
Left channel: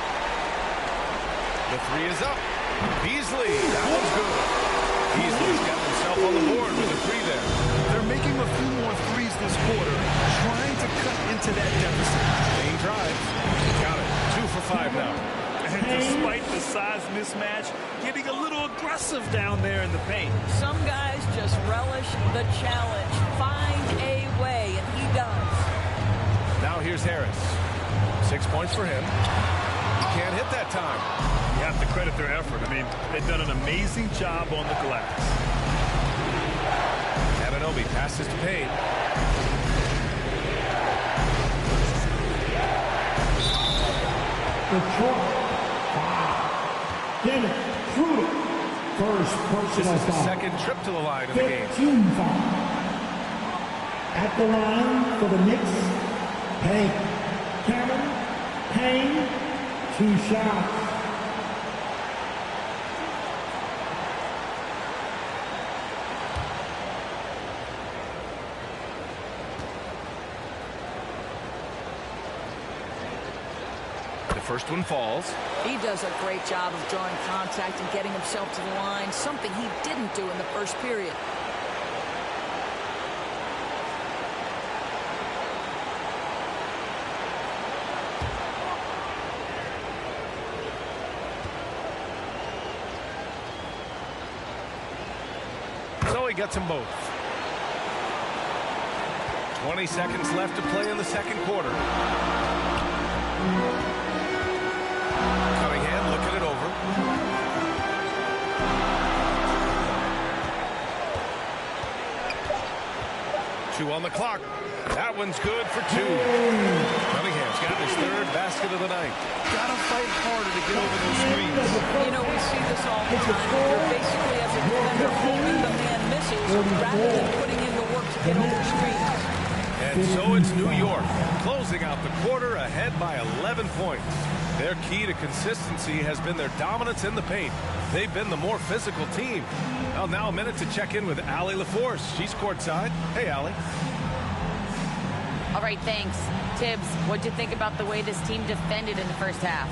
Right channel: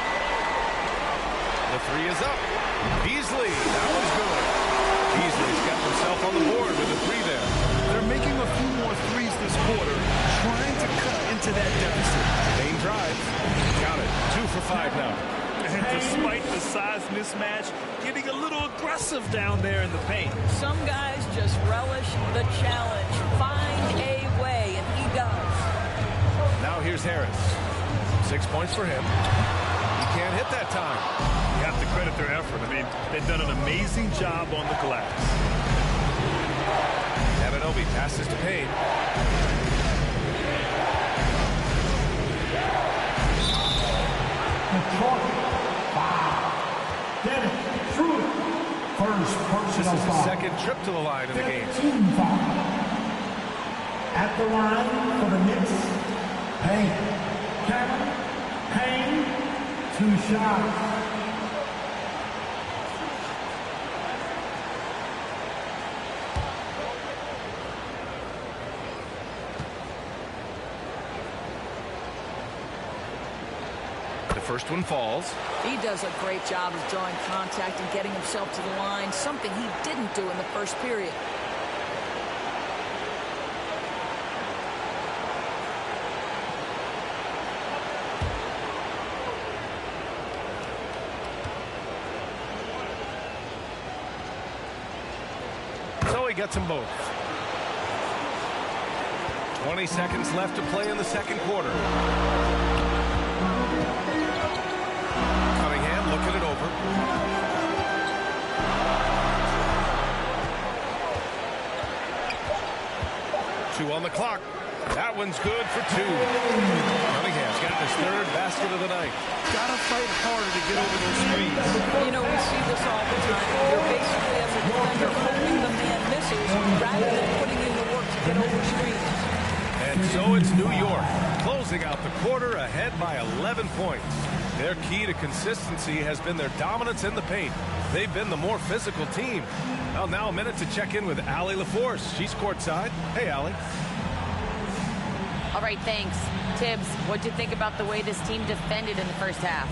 The three is up. Beasley, that one's good. Beasley's got himself on the board with a three there. They're making a few more threes this quarter, trying to cut into that deficit. Main drive. Got it. 2 for 5 now. And despite the size mismatch, getting a little aggressive down there in the paint. Some guys just relish the challenge. Find a way, and he does. Now here's Harris. 6 points for him. He can't hit that time. You have to credit their effort. I mean, they've done an amazing job on the glass. Anunoby passes to Payne. Detroit. Wow. Dennis Schroeder. First personal This is foul. his second trip to the line in the game. 15 foul. At the line for the Knicks. Payne. Cameron Payne. 2 shots. The first one falls. He does a great job of drawing contact and getting himself to the line, something he didn't do in the first period. So he gets them both. 20 seconds left to play in the second quarter. Cunningham looking it over. Two on the clock. That one's good for 2. Cunningham's gotten his 3rd basket of the night. Gotta fight harder to get over those screens. You know, we see this all the time. You're basically, as a defender, hoping the man misses rather than putting in the work to get over screens. And so it's New York, closing out the quarter ahead by 11 points. Their key to consistency has been their dominance in the paint. They've been the more physical team. Well, now a minute to check in with Allie LaForce. She's courtside. Hey, Allie. All right, thanks. Tibbs, what'd you think about the way this team defended in the first half?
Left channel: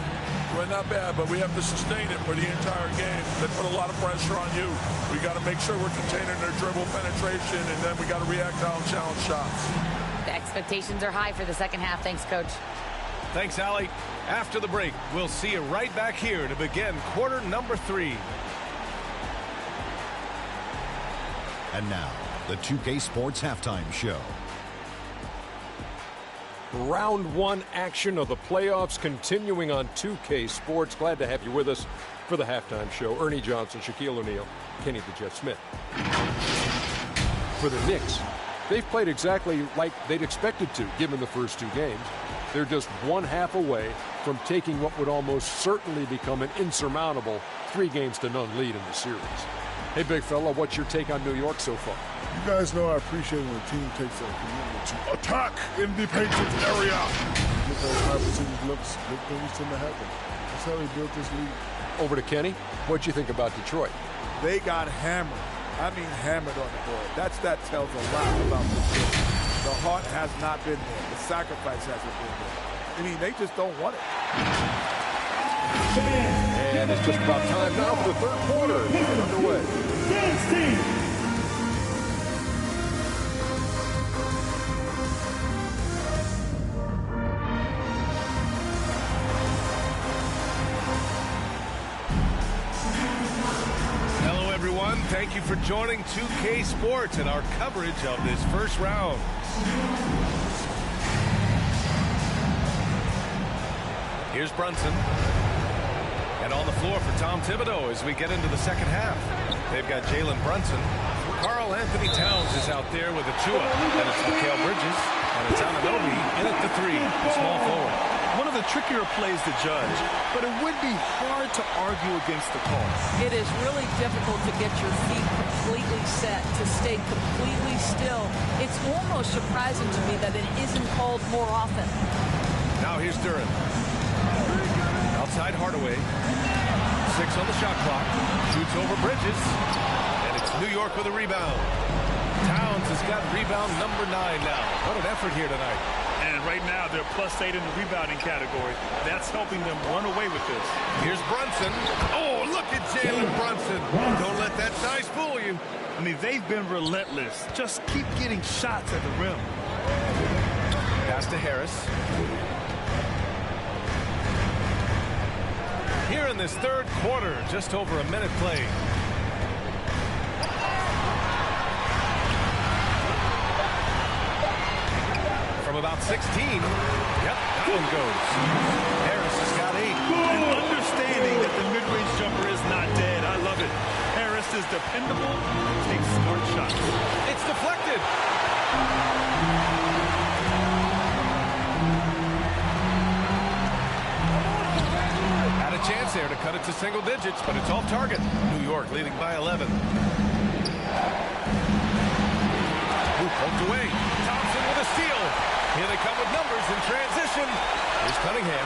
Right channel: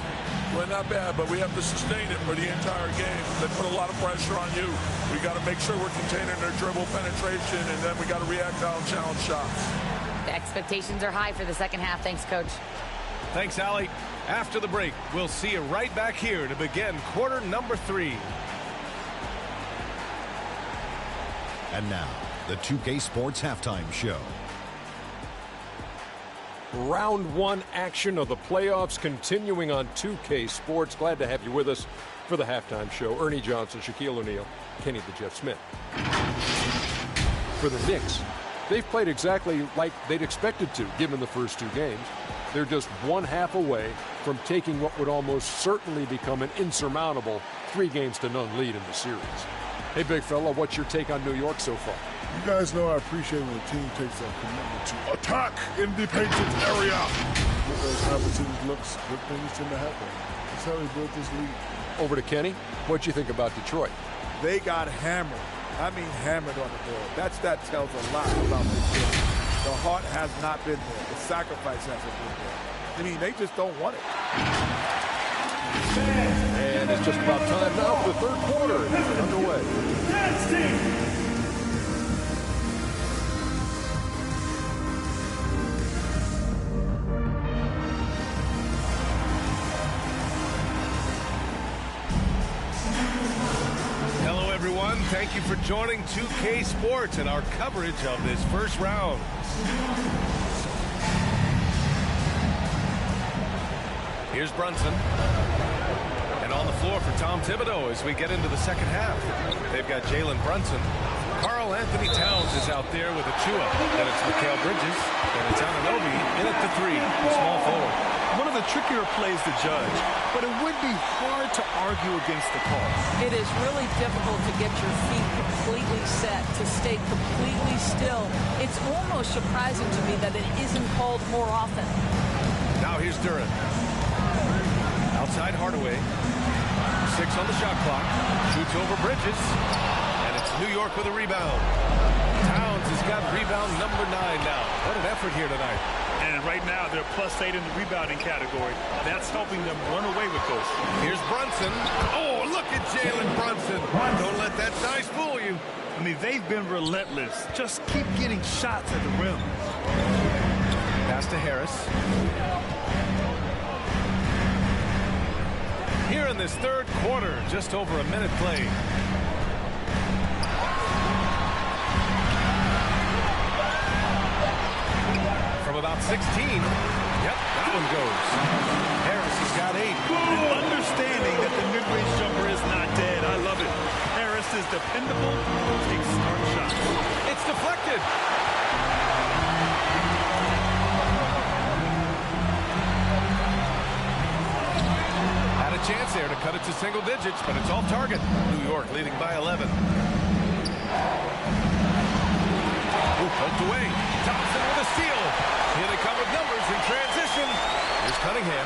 Well, not bad, but we have to sustain it for the entire game. They put a lot of pressure on you. We got to make sure we're containing their dribble penetration, and then we got to react on challenge shots. The expectations are high for the second half. Thanks, Coach. Thanks, Allie. After the break, we'll see you right back here to begin quarter number 3. And now, the 2K Sports Halftime Show. Round 1 action of the playoffs continuing on 2K Sports. Glad to have you with us for the halftime show. Ernie Johnson, Shaquille O'Neal, Kenny the Jet Smith. For the Knicks, they've played exactly like they'd expected to, given the first 2 games. They're just 1/2 away from taking what would almost certainly become an insurmountable 3-0 lead in the series. Hey, big fella, what's your take on New York so far? You guys know I appreciate when a team takes a commitment to attack in the painted area. Get those high percentage looks, good things tend to happen. That's how they built this league. Over to Kenny. What'd you think about Detroit? They got hammered. I mean hammered on the board. That tells a lot about this game. The heart has not been there. The sacrifice hasn't been there. I mean, they just don't want it. And it's just about time now for the third quarter to get underway. Hello, everyone. Thank you for joining 2K Sports and our coverage of this first round. Here's Brunson. And on the floor for Tom Thibodeau as we get into the second half. They've got Jalen Brunson. Karl Anthony Towns is out there with Achua. Then it's Mikal Bridges. And it's Anunoby in at the three, the small forward. One of the trickier plays to judge, but it would be hard to argue against the call. It is really difficult to get your feet completely set, to stay completely still. It's almost surprising to me that it isn't called more often. Now here's Duran. Outside Hardaway. 6 on the shot clock. Shoots over Bridges. And it's New York with a rebound. Towns has got rebound number 9 now. What an effort here tonight. And right now they're +8 in the rebounding category. That's helping them run away with this. Here's Brunson. Oh, look at Jalen Brunson. Don't let that size fool you. I mean, they've been relentless. Just keep getting shots at the rim. Pass to Harris. Here in this third quarter, just over a minute played. From about 16. Yep, that one goes. Harris has got 8. And understanding that the mid-range jumper is not dead. I love it. Harris is dependable, takes smart shots. It's deflected. Had a chance there to cut it to single digits, but it's off target. New York leading by 11. Ooh, poked away. Thompson with a steal. Here they come with numbers in transition. Here's Cunningham.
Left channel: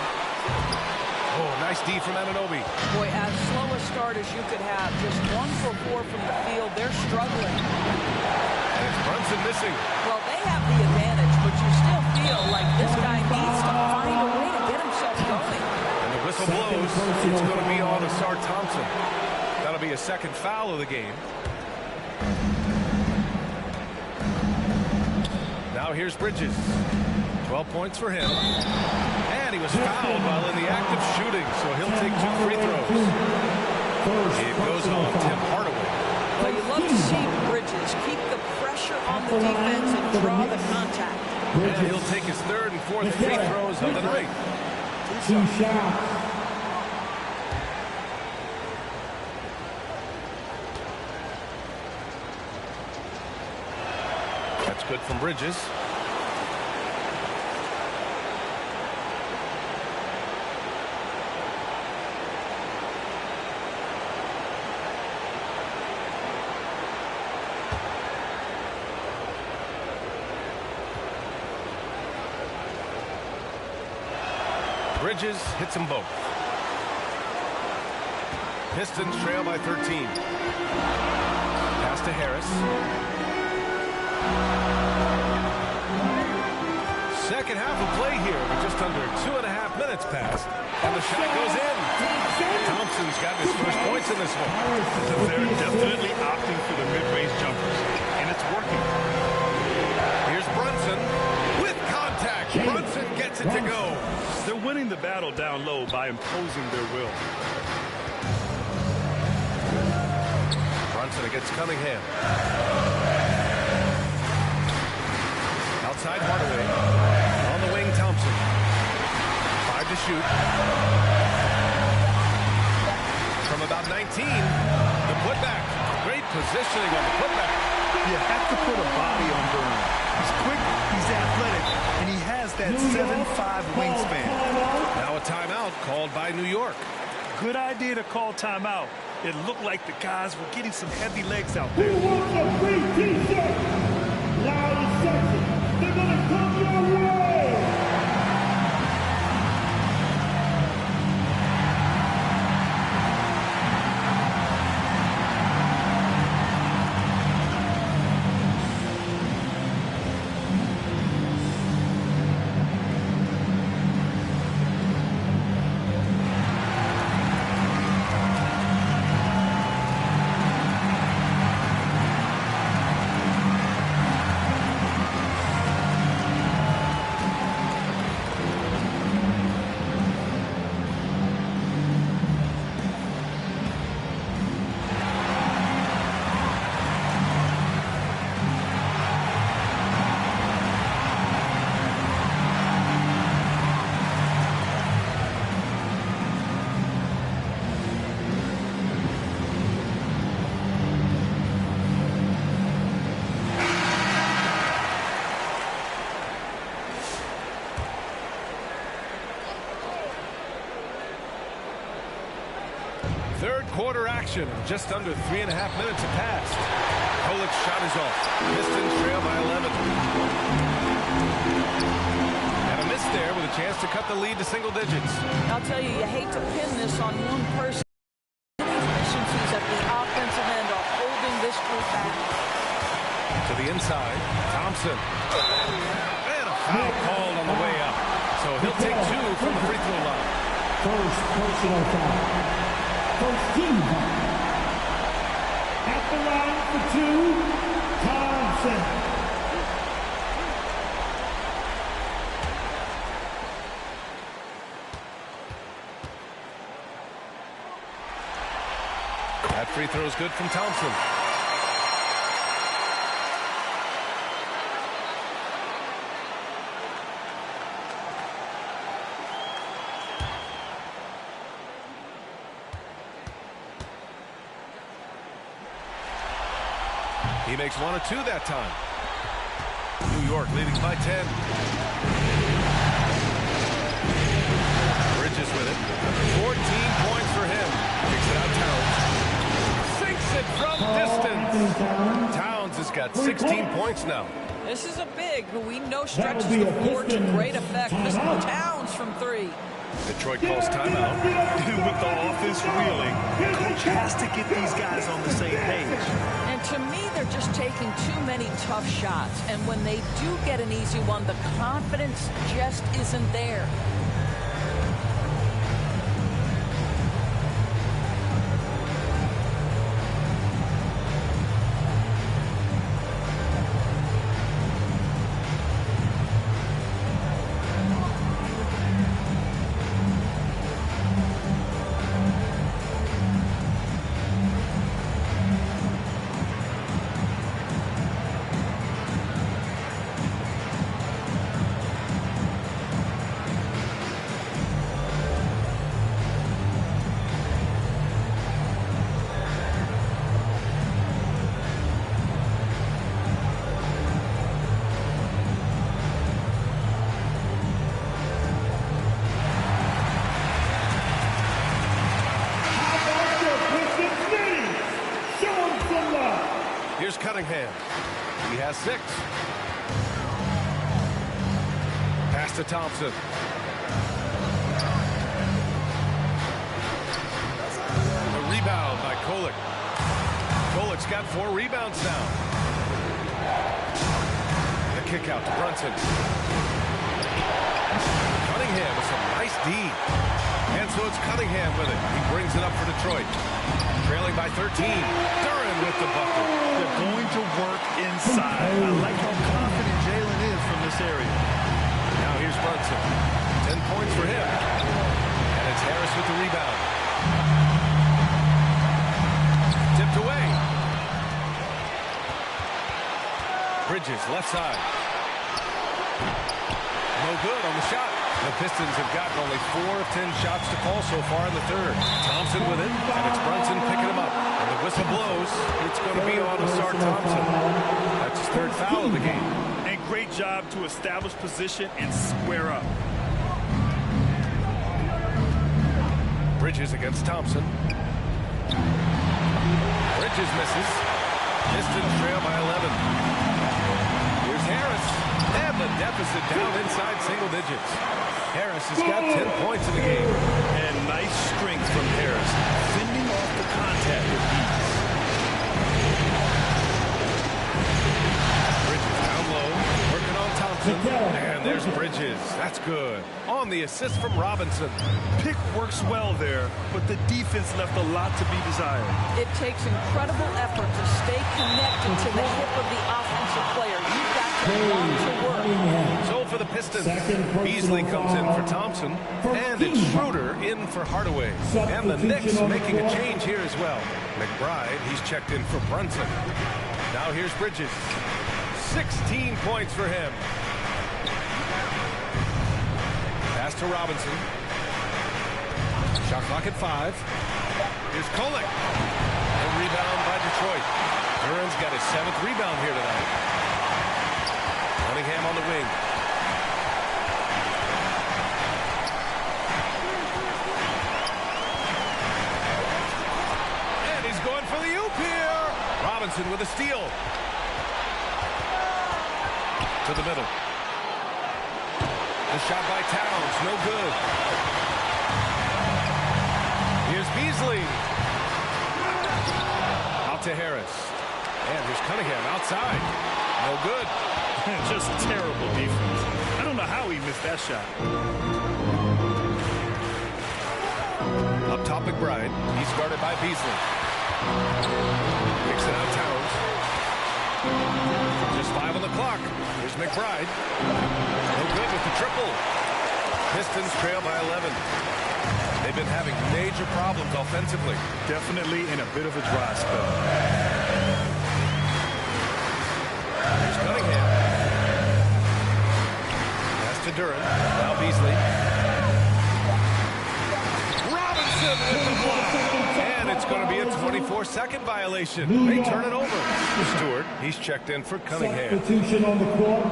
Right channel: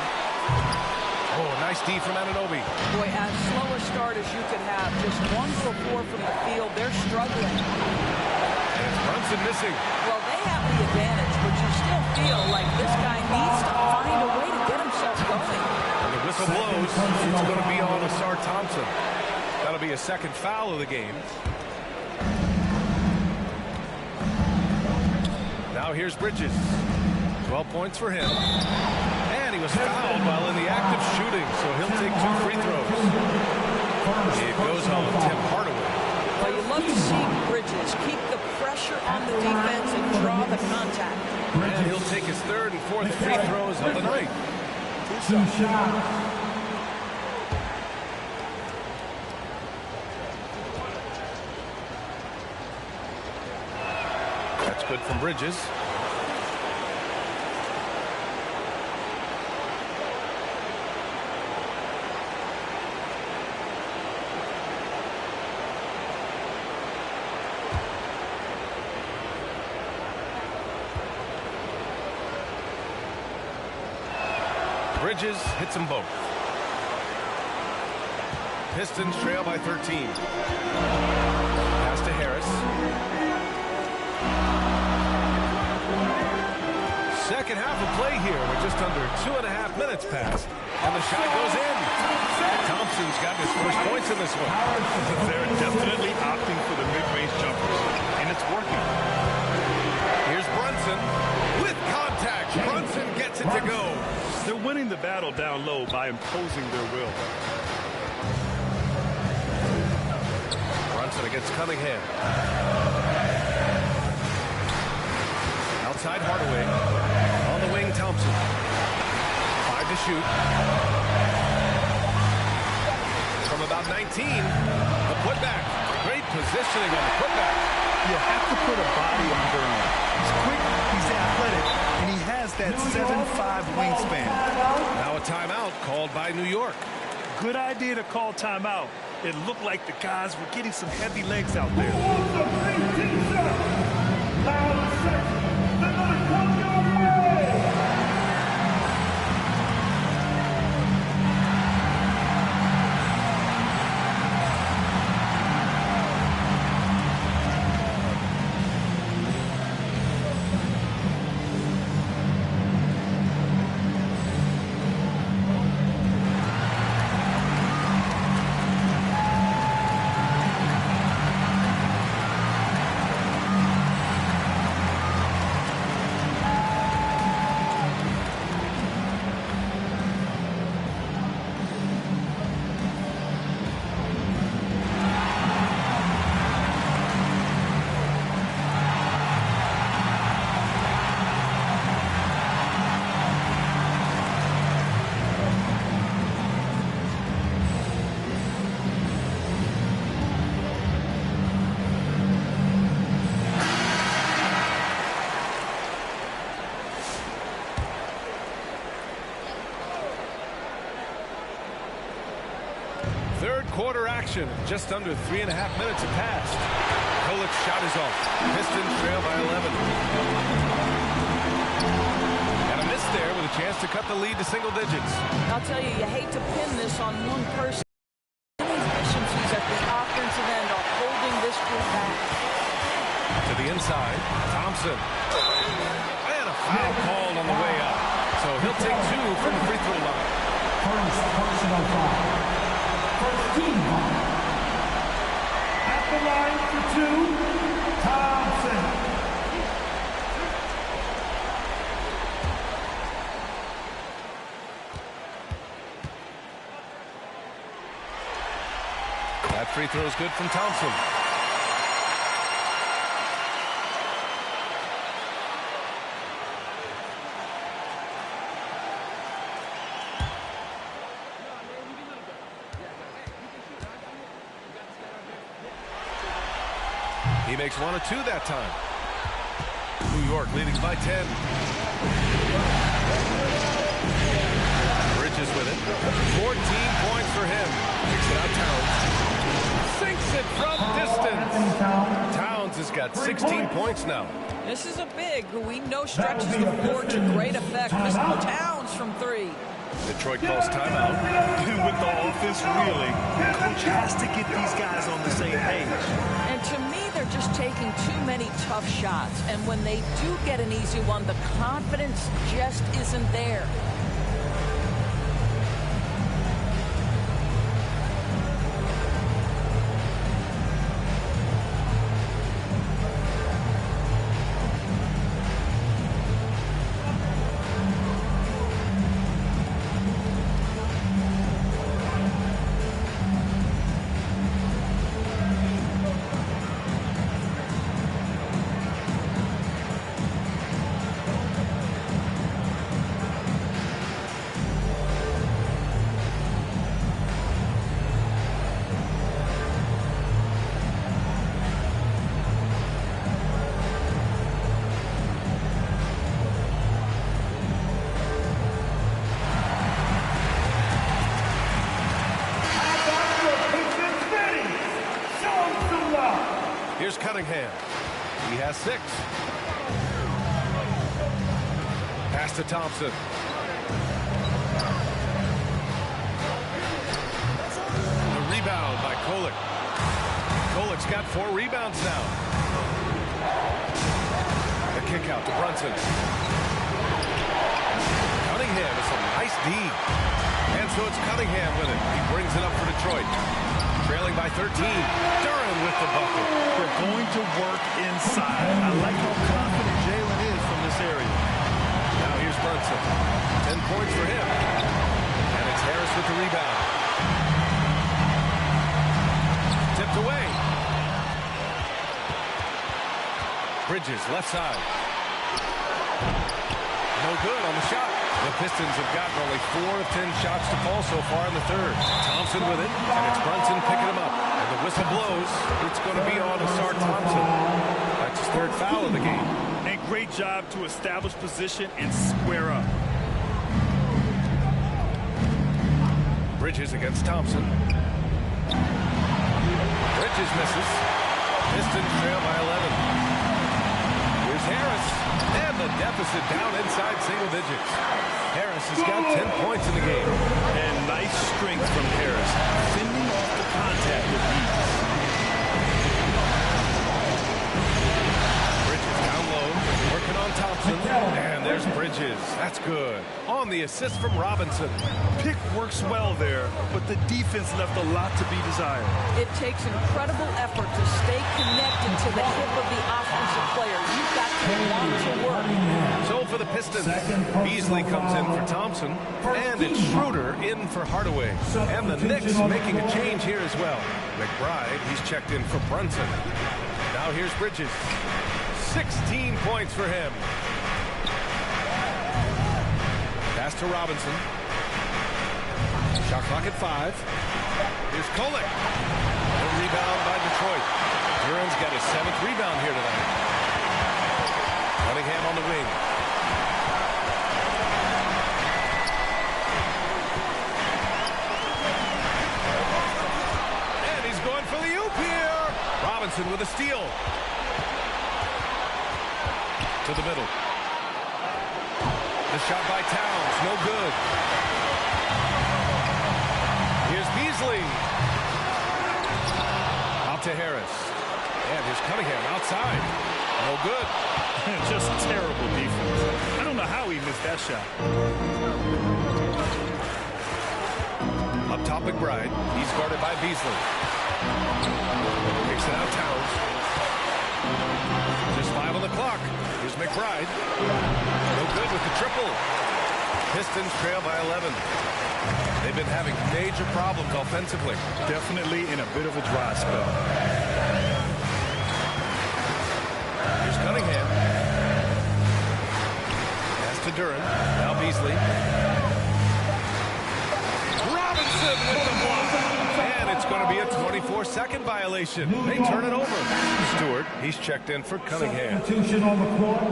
Oh, nice D from Anunoby. Boy, as slow a start as you could have. Just 1 for 4 from the field. They're struggling. And it's Brunson missing. Well, they have the advantage, but you still feel like this guy needs to find a way to get himself going. And the whistle blows. It's going to be on Asar Thompson. That'll be a second foul of the game. Now here's Bridges. 12 points for him. And he was fouled while in the act of shooting, so he'll take 2 free throws. It goes on Tim Hardaway. Well, you love to see Bridges keep the pressure on the defense and draw the contact. And he'll take his 3rd and 4th free throws of the night. 2 shots. That's good from Bridges. Bridges hits them both. Pistons trail by 13. Pass to Harris. Second half of play here with just under 2.5 minutes passed. And the shot goes in. Thompson's got his first points in this one. They're definitely opting for the mid-range jumpers, and it's working. Here's Brunson with contact. Brunson gets it to go. They're winning the battle down low by imposing their will. Brunson against Cunningham. Outside Hardaway. On the wing, Thompson. 5 to shoot. From about 19, the putback. Great positioning on the putback. You have to put a body on Durham. He's quick, he's athletic, and he has that 7'5" wingspan. Now a timeout called by New York. Good idea to call timeout. It looked like the guys were getting some heavy legs out there. Who wants a free T-shirt? Loud section. They're going to come your way. Third quarter action, and just under 3.5 minutes have passed. Kolik's shot is off. Pistons trail by 11. And a miss there with a chance to cut the lead to single digits. I'll tell you, you hate to pin this on one person. Inefficiencies at the offensive end are holding this group back. To the inside, Thompson. And a foul called on the way up. So he'll take 2 from the free throw line. First personal foul. First team foul. At the line for 2, Thompson. That free throw is good from Thompson. He makes 1 of 2 that time. New York leading by 10. Bridges with it. 14 points for him. Kicks it out Towns. Sinks it from distance. Towns has got 16 points now. This is a big who we know stretches the floor to great effect. Mr. Towns from 3. Detroit calls timeout. With the offense reeling, coach has to get these guys on the same page. And to me, they're just taking too many tough shots. And when they do get an easy one, the confidence just isn't there. Here's Cunningham. He has 6. Pass to Thompson. The rebound by Kolik. Kolik's got 4 rebounds now. The kick out to Brunson. Cunningham with some nice D. And so it's Cunningham with it. He brings it up for Detroit. Trailing by 13. Duran with the bucket. They're going to work inside. I like how confident Jalen is from this area. Now here's Brunson. 10 points for him. And it's Harris with the rebound. Tipped away. Bridges, left side. No good on the shot. The Pistons have gotten only 4 of 10 shots to fall so far in the third. Thompson with it, and it's Brunson picking him up. And the whistle blows. It's going to be on Asar Thompson. That's his 3rd foul of the game. And great job to establish position and square up. Bridges against Thompson. Bridges misses. Pistons trail by 11. Here's Harris. And the deficit down inside single digits. Harris has got 10 points in the game. And nice strength from Harris, fending off the contact with ease. Bridges down low, working on Thompson. And there's Bridges. That's good. On the assist from Robinson. Pick works well there, but the defense left a lot to be desired. It takes incredible effort to stay connected to the hip of the offensive player. You've got to want to work. So for the Pistons, Beasley comes in for Thompson, and it's Schroeder in for Hardaway. And the Knicks making a change here as well. McBride, he's checked in for Brunson. Now here's Bridges. 16 points for him. Pass to Robinson. Shot clock at 5. Here's Kolik. The rebound by Detroit. Duran's got his 7th rebound here tonight. Cunningham on the wing. alley-oop here. Robinson with a steal. To the middle. The shot by Towns, no good. Here's Beasley. Out to Harris. And here's Cunningham outside. No good. Just terrible defense. I don't know how he missed that shot. Up top, McBride. He's guarded by Beasley. Kicks it out, Towns. Just 5 on the clock. Here's McBride. No good with the triple. Pistons trail by 11. They've been having major problems offensively. Definitely in a bit of a dry spell. Here's Cunningham. Pass to Duran. Now Beasley. Robinson with the block. And it's going to be a 24-second violation. They turn it over. Stewart, he's checked in for Cunningham. Substitution on the court.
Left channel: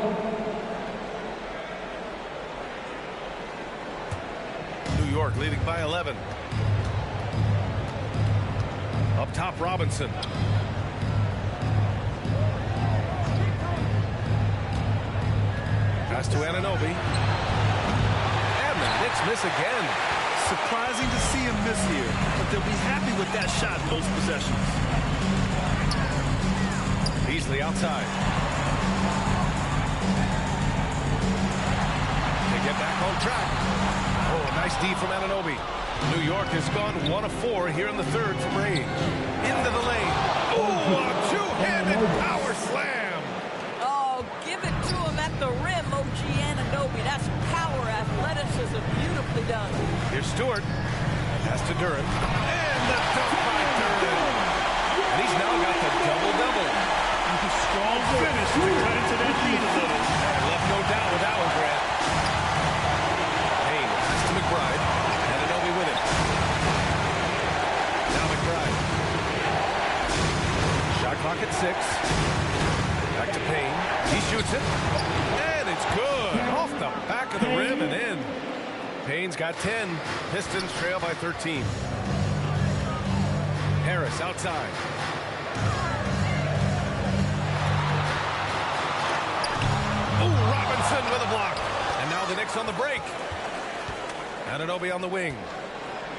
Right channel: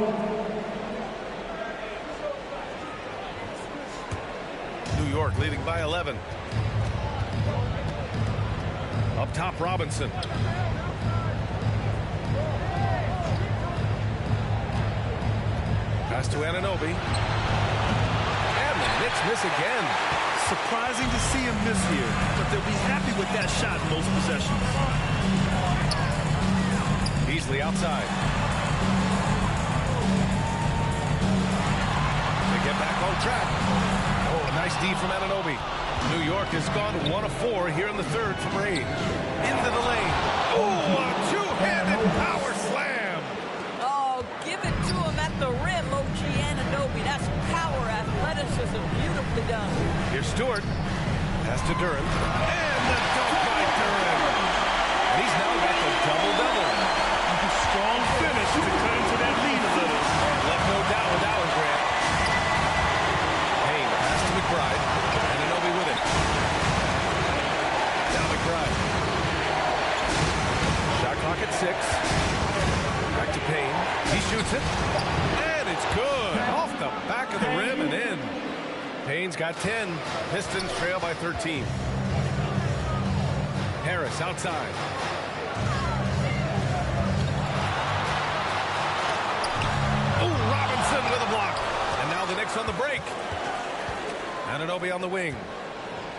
New York leading by 11. Up top, Robinson. Pass to Anunoby. And the Knicks miss again. Surprising to see him miss here, but they'll be happy with that shot most possessions. Beasley outside. To get back on track. Oh, a nice D from Anunoby. New York has gone 1 of 4 here in the third from range. Into the lane. Oh, a two-handed power slam. Oh, give it to him at the rim, OG Anunoby. That's power, athleticism, beautifully done. Here's Stewart. Pass to Duran. And the dunk by Duran. And he's now got the double-double. Strong finish to cut into that lead a little. And left no doubt with that one, Grant. Payne, pass to McBride. Anunoby with it. Now McBride. Shot clock at 6. Back to Payne. He shoots it. And it's good. Off the back of the rim and in. Payne's got 10. Pistons trail by 13. Harris outside. Oh, Robinson with a block. And now the Knicks on the break. Anunoby on the wing.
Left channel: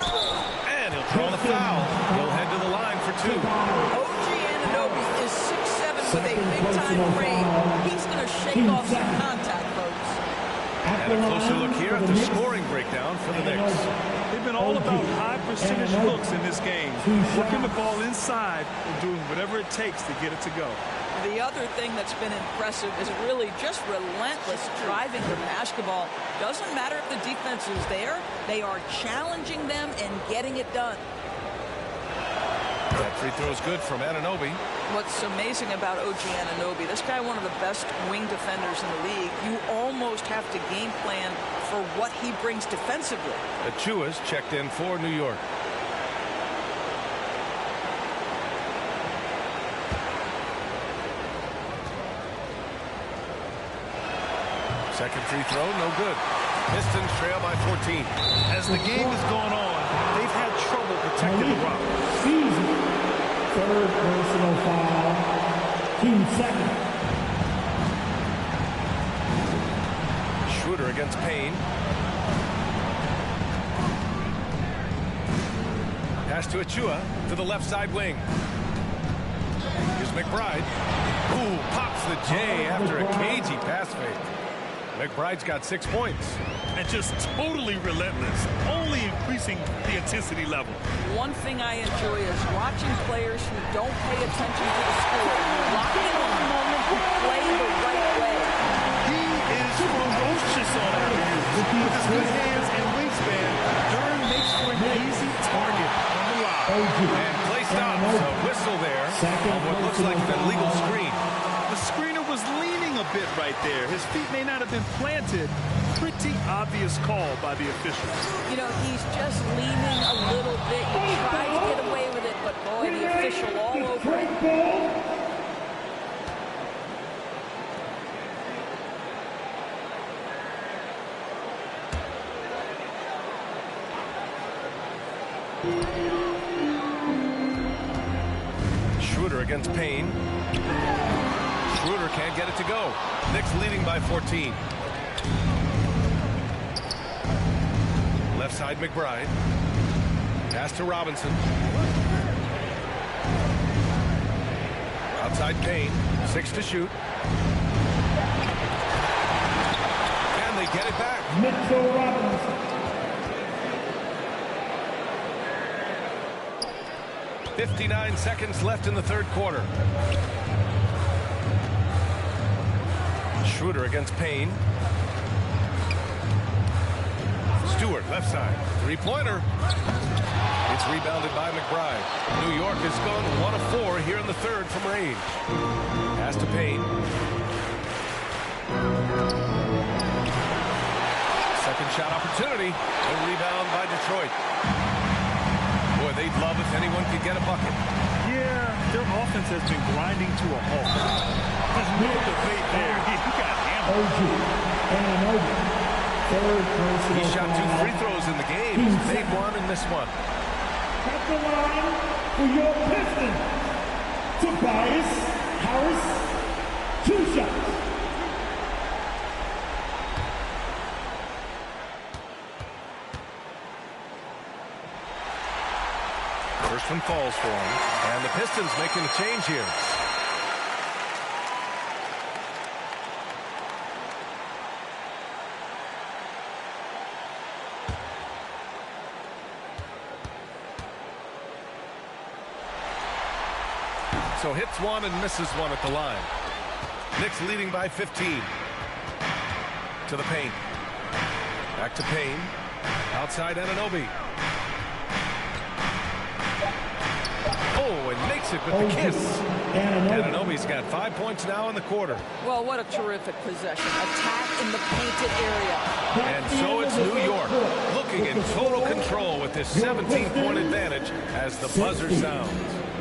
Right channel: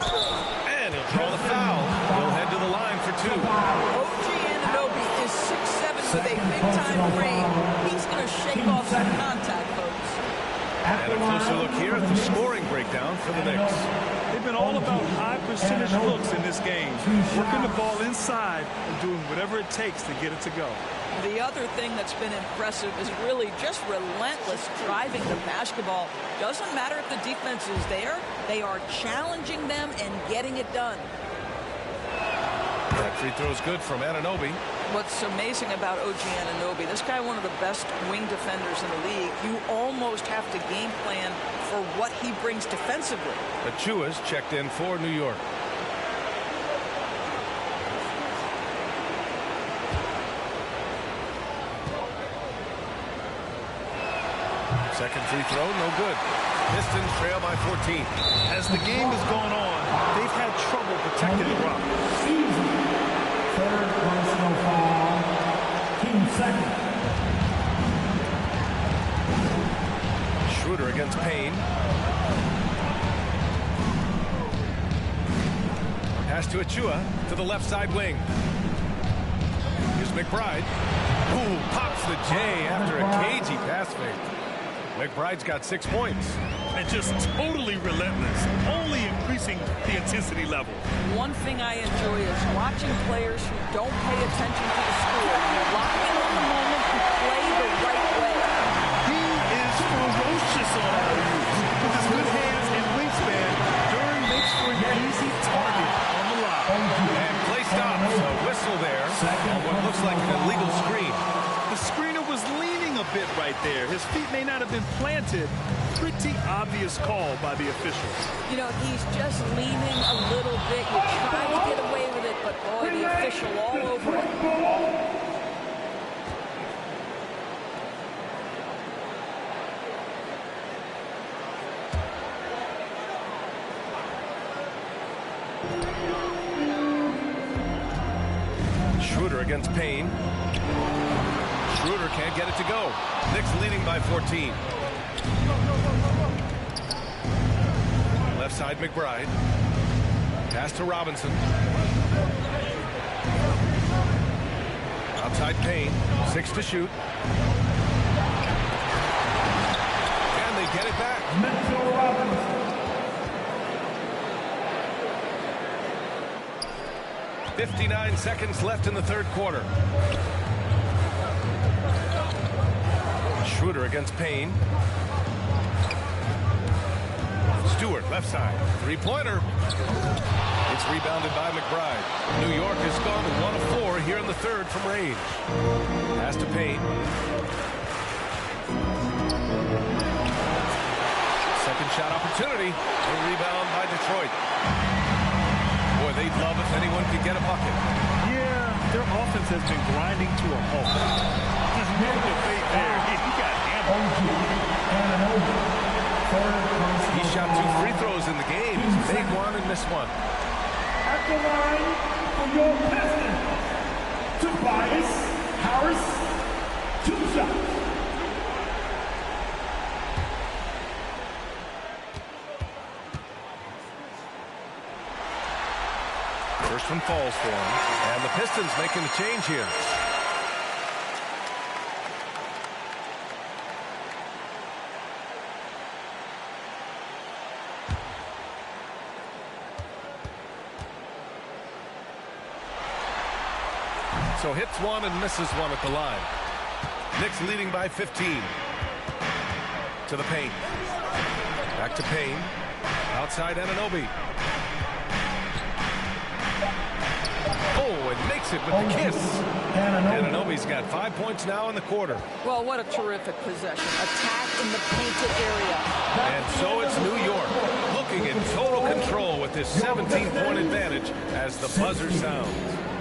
And he'll draw the foul. He'll head to the line for 2. OG Anunoby is 6'7" with a big-time frame. He's going to shake off some contact, folks. And a closer look here at the scoring breakdown for the Knicks. They've been all about high percentage looks in this game. Working the ball inside and doing whatever it takes to get it to go. The other thing that's been impressive is really just relentless driving the basketball. Doesn't matter if the defense is there. They are challenging them and getting it done. That free throw is good from Anunoby. What's amazing about OG Anunoby, this guy one of the best wing defenders in the league. You almost have to game plan for what he brings defensively. Achua's checked in for New York. Second free throw, no good. Pistons trail by 14. As the game has gone on, they've had trouble protecting the rock. Third personal foul. Team second. Schroeder against Payne. Pass to Achua to the left side wing. Here's McBride. Ooh, pops the J after a cagey pass fake. McBride's got 6 points. And just totally relentless, only increasing the intensity level. One thing I enjoy is watching players who don't pay attention to the score. You lock in on the moment and play the right way. He is ferocious on alley-oops. With his good hands and wingspan, Duran makes for an easy target on the lob. And play stops. A whistle there on what looks like an illegal screen. The screener was leaning a bit right there. His feet may not have been planted. Pretty obvious call by the officials. You know, he's just leaning a little bit. You try to get away with it, but boy, the official all over it. Schroeder against Payne. Schroeder can't get it to go. Knicks leading by 14. Left side, McBride. Pass to Robinson. Outside Payne. 6 to shoot. And they get it back. Mitchell Robinson. 59 seconds left in the third quarter. Schroeder against Payne. Stewart, left side. Three-pointer. It's rebounded by McBride. New York has gone 1 of 4 here in the third from range. Pass to Payne. Second shot opportunity. The rebound by Detroit. Boy, they'd love if anyone could get a bucket. Yeah, their offense has been grinding to a halt. There's no debate there. He got hammered. He shot 2 free throws in the game. He's made one and missed one. At the line for your Pistons, Tobias Harris, 2 shots. First one falls for him. And the Pistons making a change here. So hits one and misses one at the line. Knicks leading by 15. To the paint. Back to Payne. Outside Anunoby. Oh, and makes it with the kiss. Anunoby's got 5 points now in the quarter. Well, what a terrific possession. Attack in the painted area. And so it's New York looking in total control with this 17-point advantage as the buzzer sounds.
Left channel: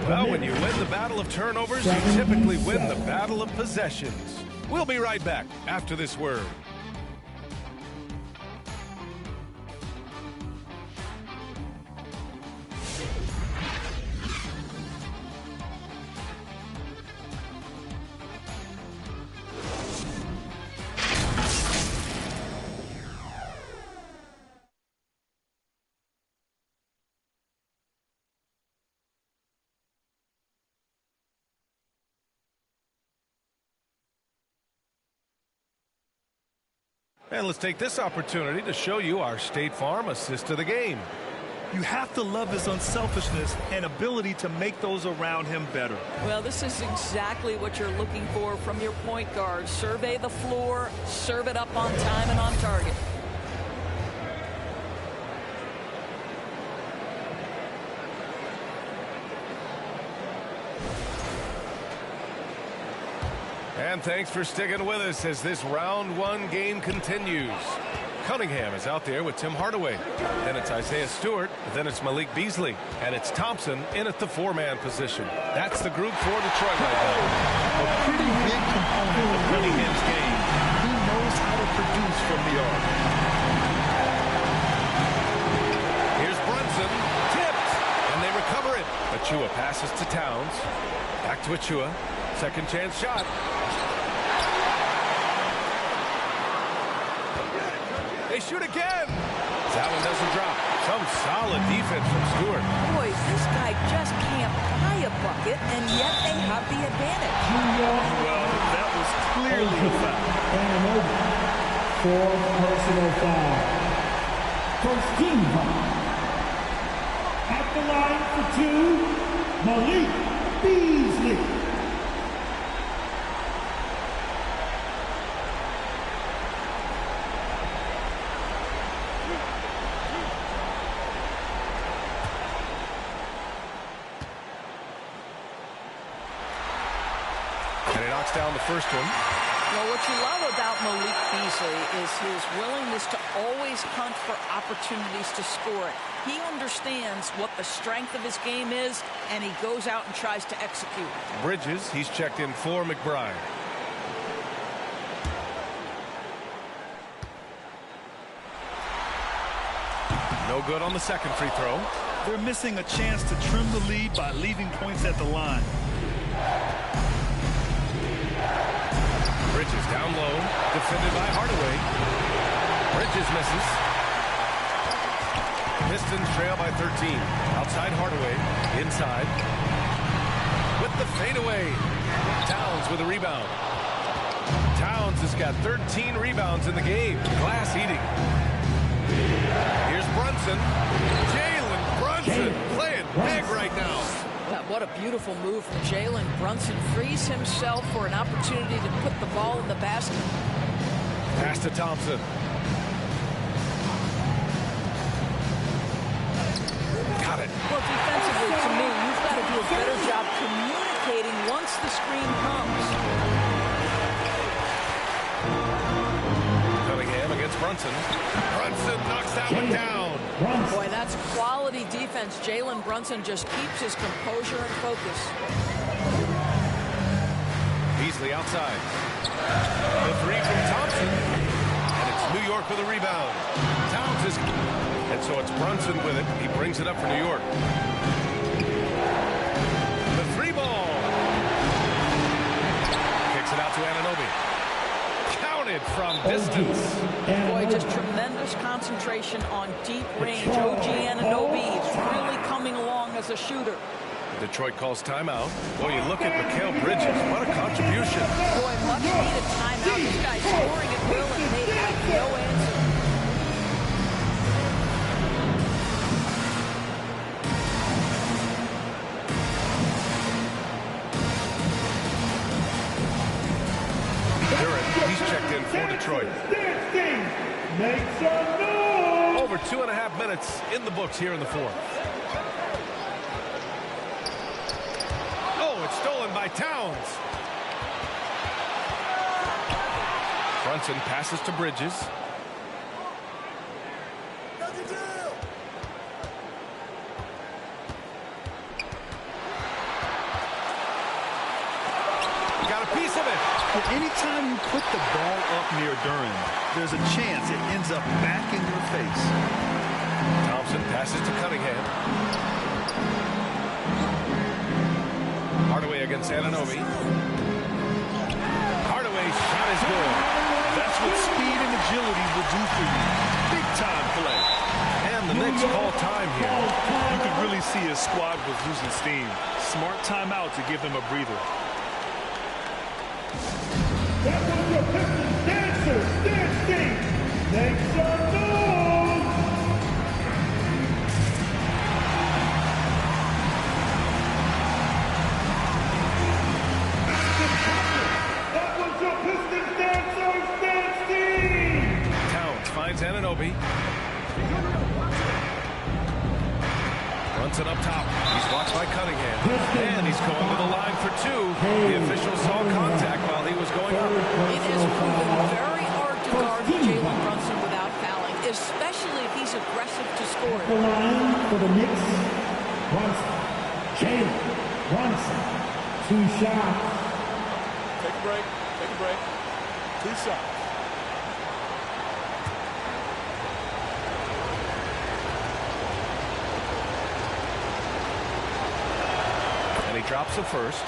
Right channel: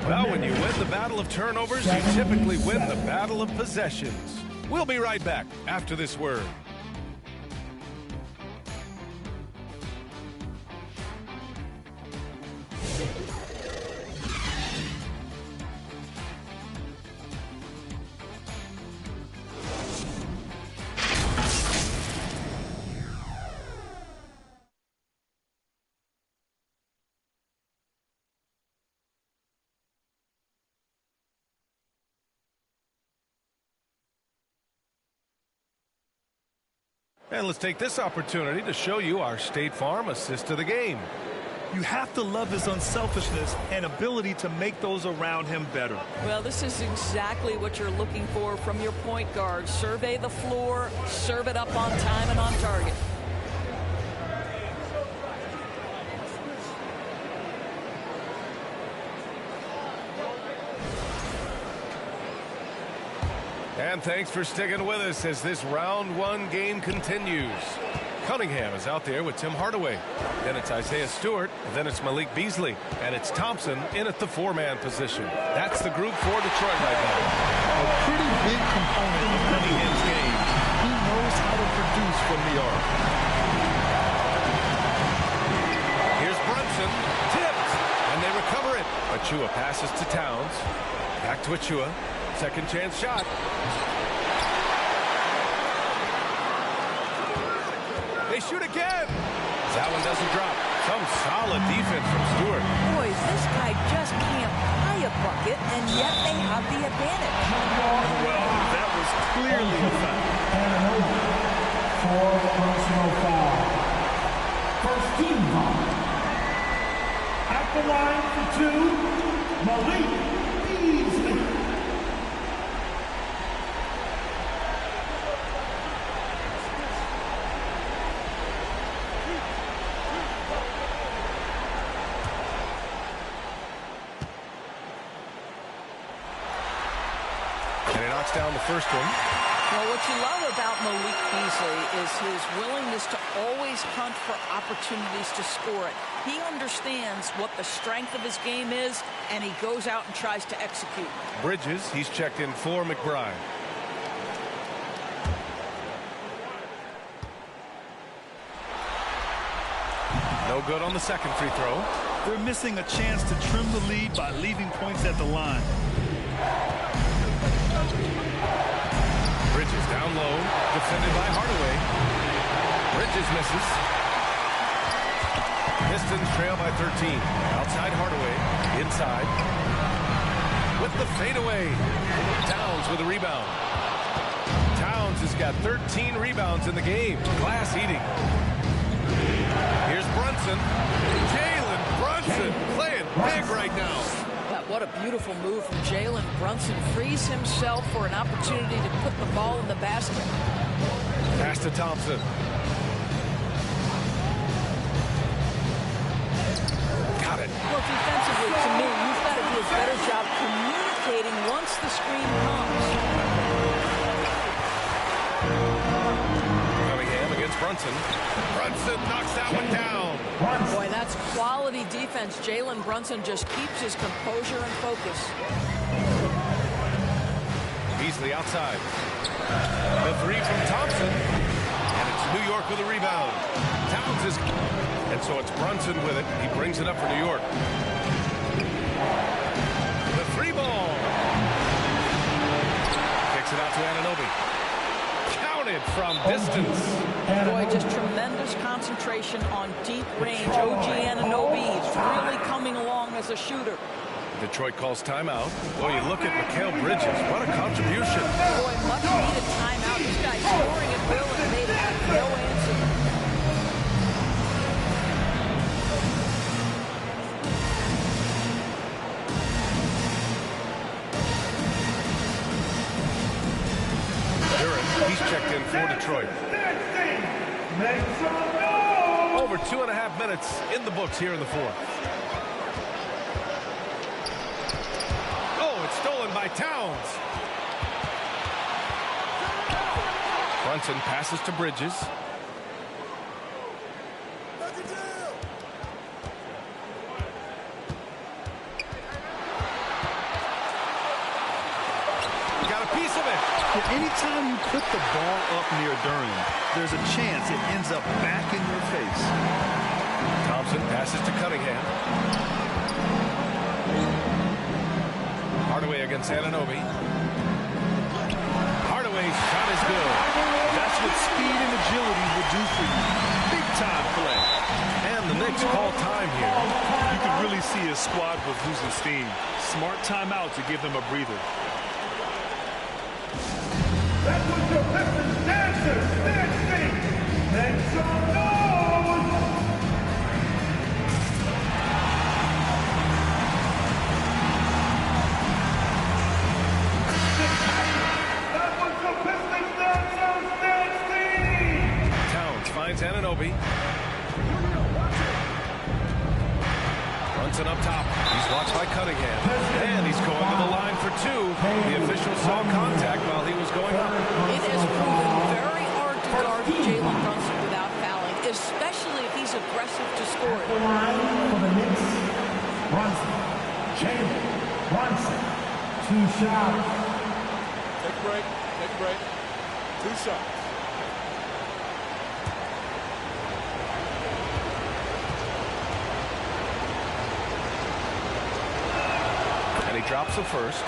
Well, when you win the battle of turnovers, you typically win the battle of possessions. We'll be right back after this word. And let's take this opportunity to show you our State Farm assist of the game. You have to love his unselfishness and ability to make those around him better. Well, this is exactly what you're looking for from your point guard. Survey the floor, serve it up on time and on target. And thanks for sticking with us as this round 1 game continues. Cunningham is out there with Tim Hardaway. Then it's Isaiah Stewart. Then it's Malik Beasley. And it's Thompson in at the 4-man position. That's the group for Detroit right now. A pretty big component of Cunningham's game. He knows how to produce from the arc. Here's Brunson. Tipped. And they recover it. Achua passes to Towns. Back to Achua. Second chance shot. They shoot again. That one doesn't drop. Some solid defense from Stewart. Boys, this guy just can't buy a bucket, and yet they have the advantage. Well, that was clearly a foul. Anunoby for personal foul. First team foul. At the line for 2, Malik Beasley. And he knocks down the first one. Well, what you love about Malik Beasley is his willingness to always hunt for opportunities to score it. He understands what the strength of his game is, and he goes out and tries to execute. Bridges, he's checked in for McBride. No good on the second free throw. They're missing a chance to trim the lead by leaving points at the line. Bridges down low, defended by Hardaway. Bridges misses. Pistons trail by 13. Outside Hardaway, inside. With the fadeaway. Towns with a rebound. Towns has got 13 rebounds in the game. Glass eating. Here's Brunson. Jalen Brunson playing big right now. Yeah, what a beautiful move from Jalen Brunson. Frees himself for an opportunity to put the ball in the basket. Pass to Thompson. Got it. Well, defensively, to me, you've got to do a better job communicating once the screen comes. Cunningham against Brunson. Brunson knocks that one down. Boy, that's quality defense. Jalen Brunson just keeps his composure and focus. Beasley outside. The three from Thompson. And it's New York with a rebound. Towns is... And so it's Brunson with it. He brings it up for New York. The three ball. Kicks it out to Anunoby. Counted from distance. Boy, just tremendous concentration on deep range. OG Anunoby is really coming along as a shooter. Detroit calls timeout. Boy, you look at Mikal Bridges. What a contribution. Boy, much needed timeout. This guy's scoring at will, and they'd have no answer. He's checked in for Detroit. Over 2.5 minutes in the books here in the fourth. Oh, it's stolen by Towns. Brunson passes to Bridges. Got a piece of it. Anytime you put the ball up near Duran, there's a chance it ends up back in your face. Thompson passes to Cunningham. Hardaway against Anunoby. Hardaway's shot is good. That's what speed and agility will do for you. Big time play. And the Knicks call time here. You can really see his squad was losing steam. Smart timeout to give them a breather. That was your Pistons dancers dancing. Make some noise. That was your Pistons dancers dancing. Towns finds Anunoby. Brunson up top. He's watched by Cunningham. And he's going to the line for two. The official saw contact while he was going up. It has proven very hard to guard Jalen Brunson without fouling, especially if he's aggressive to score it. The line for the Knicks. Brunson. Jalen Brunson. 2 shots. Take a break. Take a break. 2 shots. And he drops the first.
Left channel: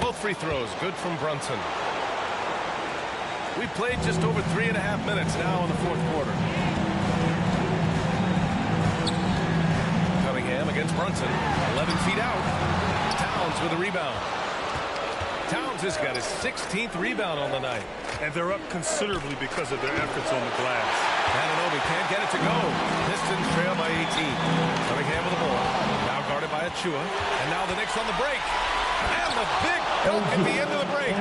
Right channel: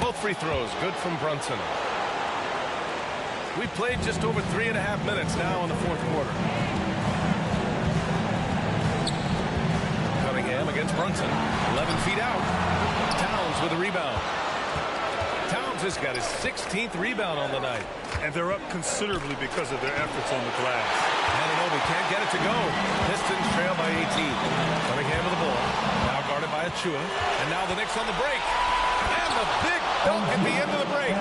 Both free throws good from Brunson. We played just over 3.5 minutes now in the fourth quarter. Cunningham against Brunson. 11 feet out. Towns with a rebound. Towns has got his 16th rebound on the night. And they're up considerably because of their efforts on the glass. Anunoby can't get it to go. Pistons trail by 18. Cunningham with the ball. Now guarded by Achua. And now the Knicks on the break. And the big dunk at the end of the break.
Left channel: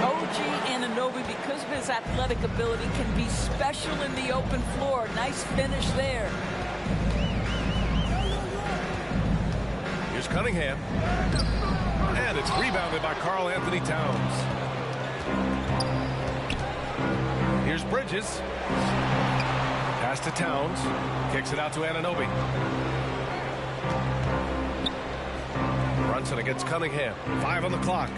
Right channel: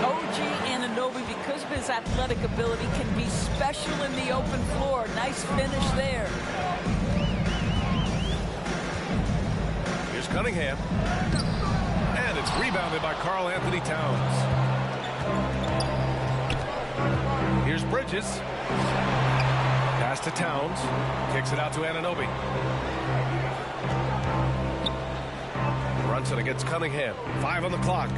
OG Anunoby, because of his athletic ability, can be special in the open floor. Nice finish there. Here's Cunningham. And it's rebounded by Karl Anthony Towns. Here's Bridges. Pass to Towns. Kicks it out to Anunoby. Brunson against Cunningham. 5 on the clock.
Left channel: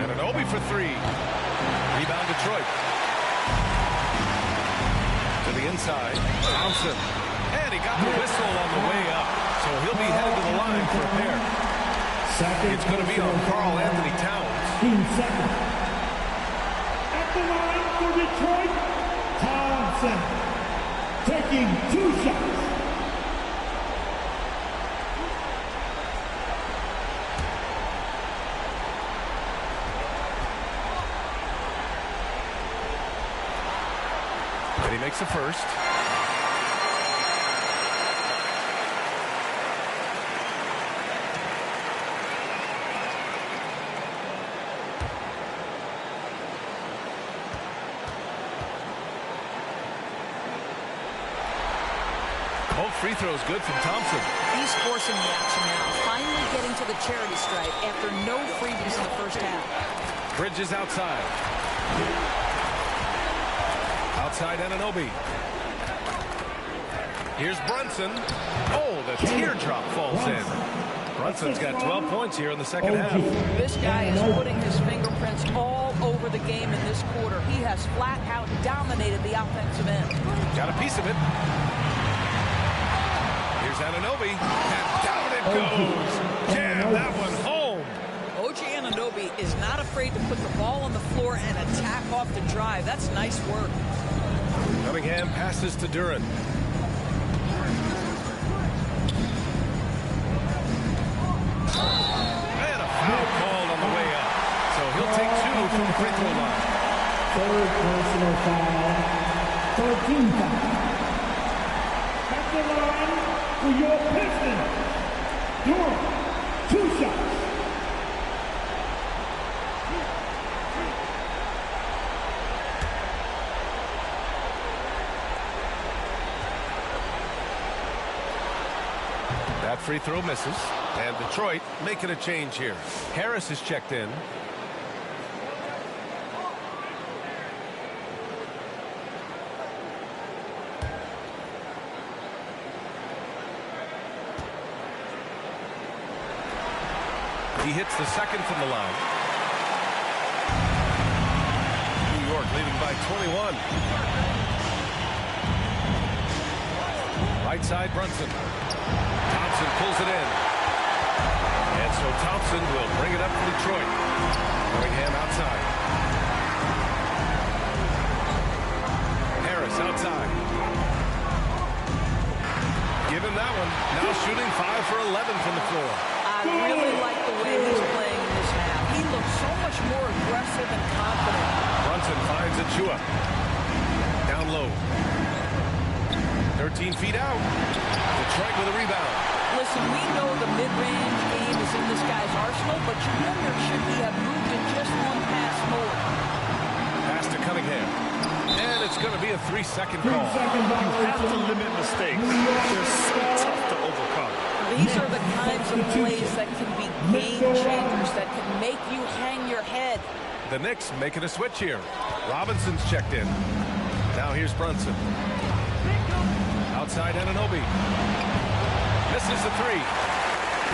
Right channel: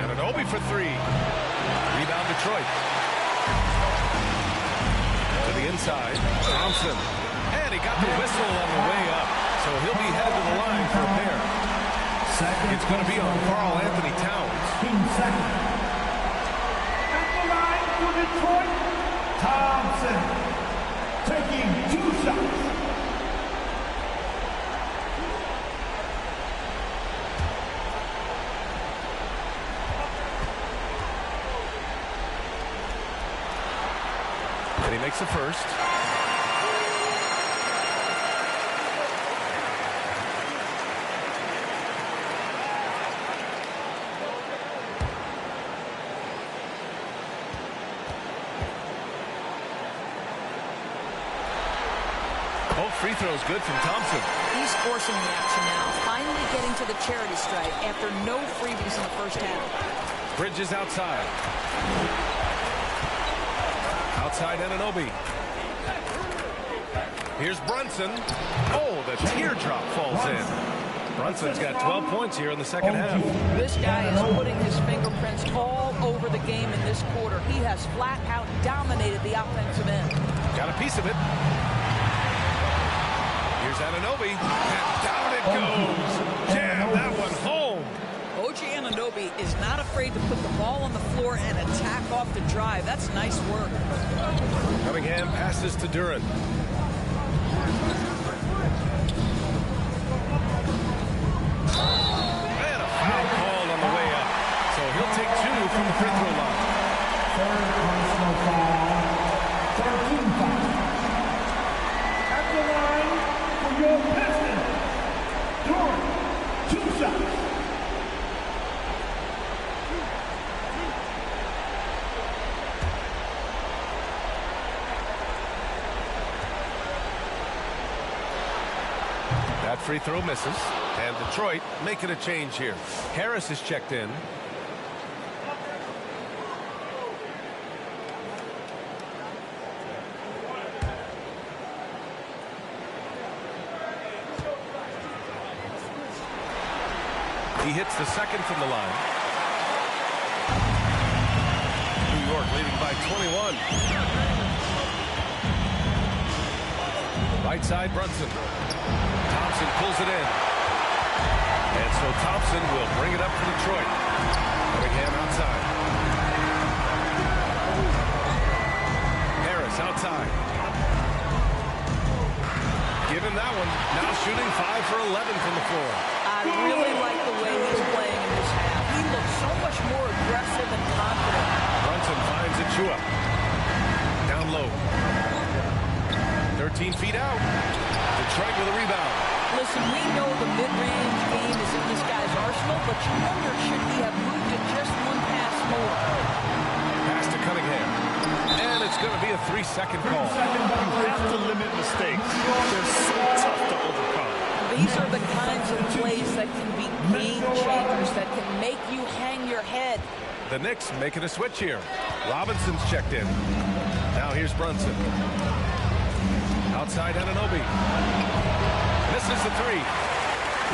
Anunoby for 3. Rebound Detroit. To the inside. Thompson. And he got the whistle on the way up. So he'll be headed to the line for a pair. It's going to be on Karl Anthony Towns. Team second. At the line for Detroit, Thompson. Taking 2 shots. And he makes the first. Both free throws good from Thompson. He's forcing the action now, finally getting to the charity stripe after no freebies in the first half. Bridges outside. Outside Anunoby. Here's Brunson. Oh, the teardrop falls in. Brunson's got 12 points here in the second half. This guy is putting his fingerprints all over the game in this quarter. He has flat out dominated the offensive end. Got a piece of it. Here's Anunoby, and down it goes. Jam that one home. OG Anunoby is not afraid to put the ball on the floor and attack off the drive. That's nice work. Cunningham passes to Duran. And a foul called on the way up. So he'll take 2 from the free throw line. Third personal foul. 13 foul. At the line for your Pistons, Duran, 2 shots. That free throw misses. And Detroit making a change here. Harris is checked in. He hits the second from the line. New York leading by 21. Right side, Brunson. Thompson pulls it in. And so Thompson will bring it up for Detroit. Cunningham outside. Harris outside. Give him that one. Now shooting 5 for 11 from the floor. I really like the way he's playing in this half. He looks so much more aggressive and confident. Brunson finds Achua. Down low. 13 feet out. Detroit with a rebound. Listen, we know the mid-range game is in this guy's arsenal, but you wonder, should he have moved it just one pass more? Pass to Cunningham. And it's going to be a 3-second call. You have to limit mistakes. They're so tough to overcome. These are the kinds of plays that can be game changers, that can make you hang your head. The Knicks making a switch here. Robinson's checked in. Now here's Brunson. Outside Anunoby. Misses the 3.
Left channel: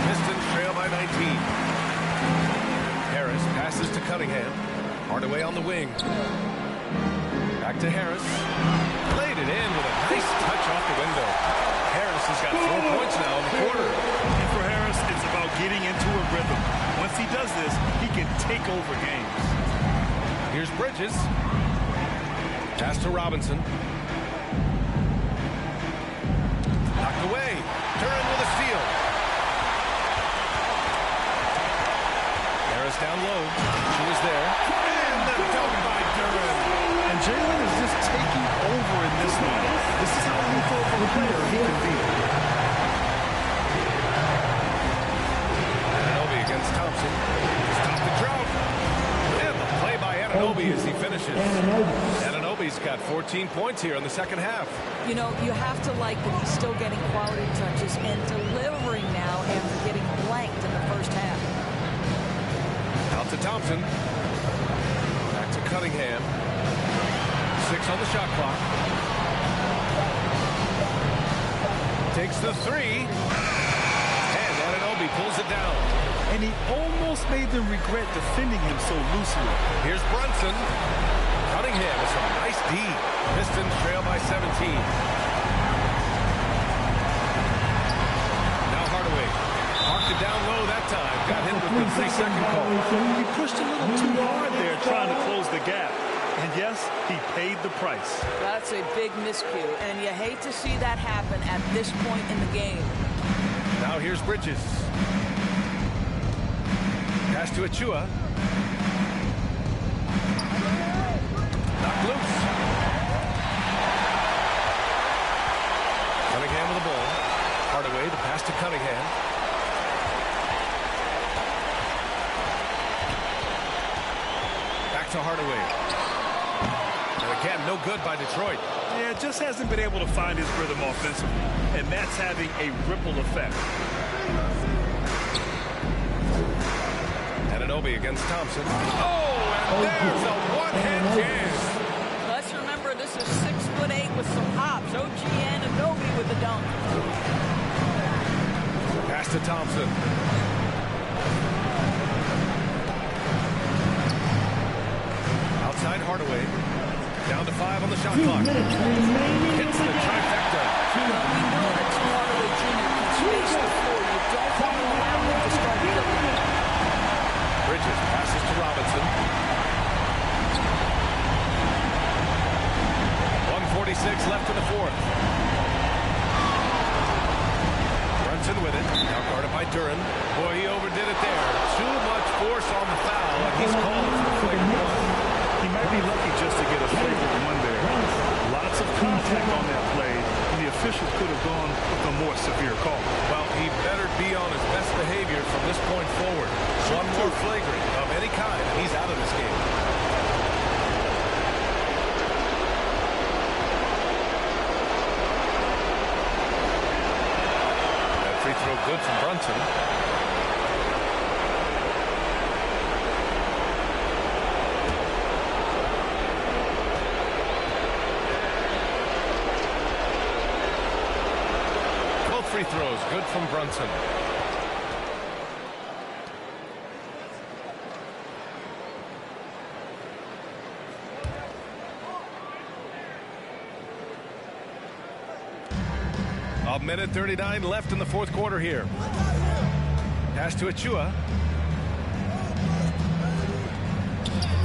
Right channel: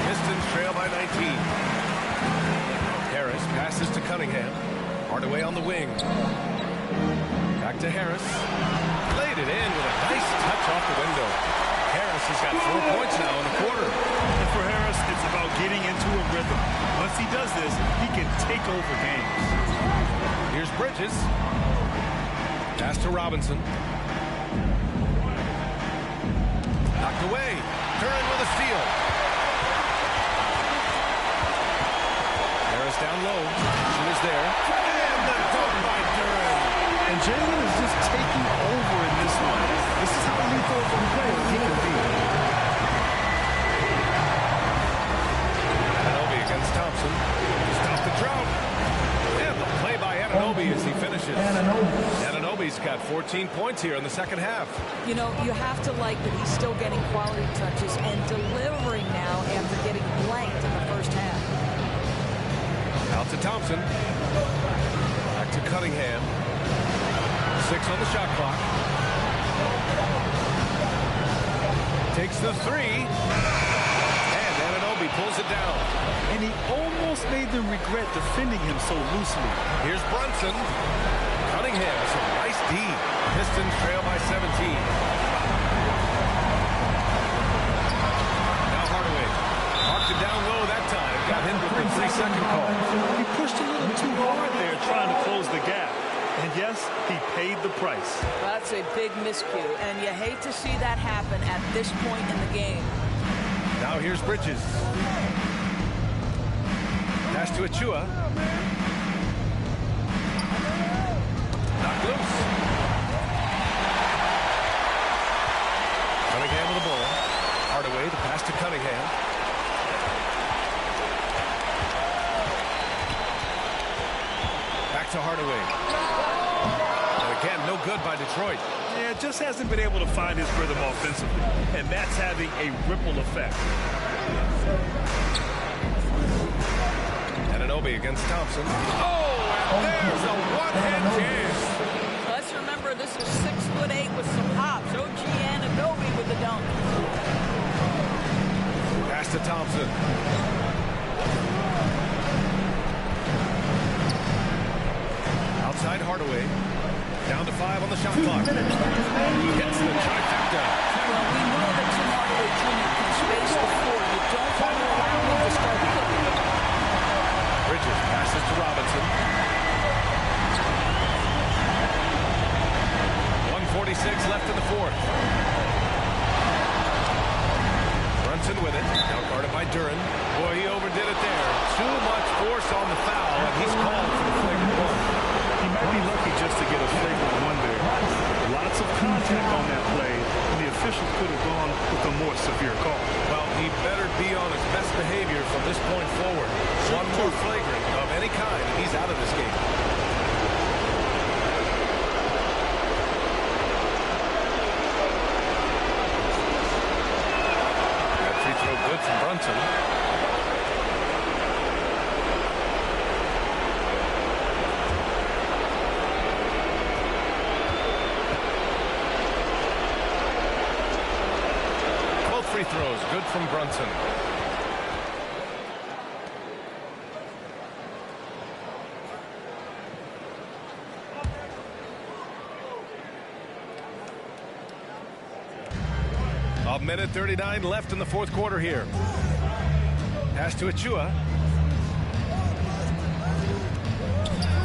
Pistons trail by 19. Harris passes to Cunningham. Hardaway on the wing. Back to Harris. Laid it in with a nice touch off the window. Harris has got 4 points now in the quarter. And for Harris, it's about getting into a rhythm. Once he does this, he can take over games. Here's Bridges. Pass to Robinson. Knocked away. Duran with a steal. Harris down low. She was there. And the dunk by Duran. And Jalen is just taking over in this one. This is how lethal of a player he can be. Anunoby against Thompson. Stop the drought. And the play by Anunoby as he finishes. Anunoby's got 14 points here in the second half. You know, you have to like that he's still getting quality touches and delivering now after getting blanked in the first half. Out to Thompson. Back to Cunningham. 6 on the shot clock. Takes the 3. And Anunoby pulls it down. And he almost made them regret defending him so loosely. Here's Brunson. Cunningham with some nice D. Pistons trail by 17. Now Hardaway. Parked it down low that time. Got hit with the 3-second call. He pushed a little too hard there trying to close the gap. And yes, he paid the price. That's a big miscue, and you hate to see that happen at this point in the game. Now here's Bridges. Pass to Achua. Knocked loose. Cunningham with the ball. Hardaway, the pass to Cunningham. Back to Hardaway. And again, no good by Detroit. Yeah, just hasn't been able to find his rhythm offensively. And that's having a ripple effect. Anunoby against Thompson. Oh, and there's a one-hand jam. Let's remember this is 6'8" with some hops. OG Anunoby with the dunk. Pass to Thompson. Outside Hardaway. Down to 5 on the shot clock. Hits the trifecta. Well, we know that Tim Hardaway Jr. can space the floor. You don't want to allow him to start cooking. Bridges passes to Robinson. 1:46 left in the fourth. Brunson with it. Now guarded by Duren. Boy, he overdid it there. Too much force on the foul, and he's called for the flagrant one. He might be lucky just to get a flagrant one there. Lots of contact on that play, and the officials could have gone with a more severe call. Well, he better be on his best behavior from this point forward. One more flagrant of any kind, and he's out of this game. That free throw good from Brunson. Free throws good from Brunson. A minute 39 left in the fourth quarter here. Pass to Achua.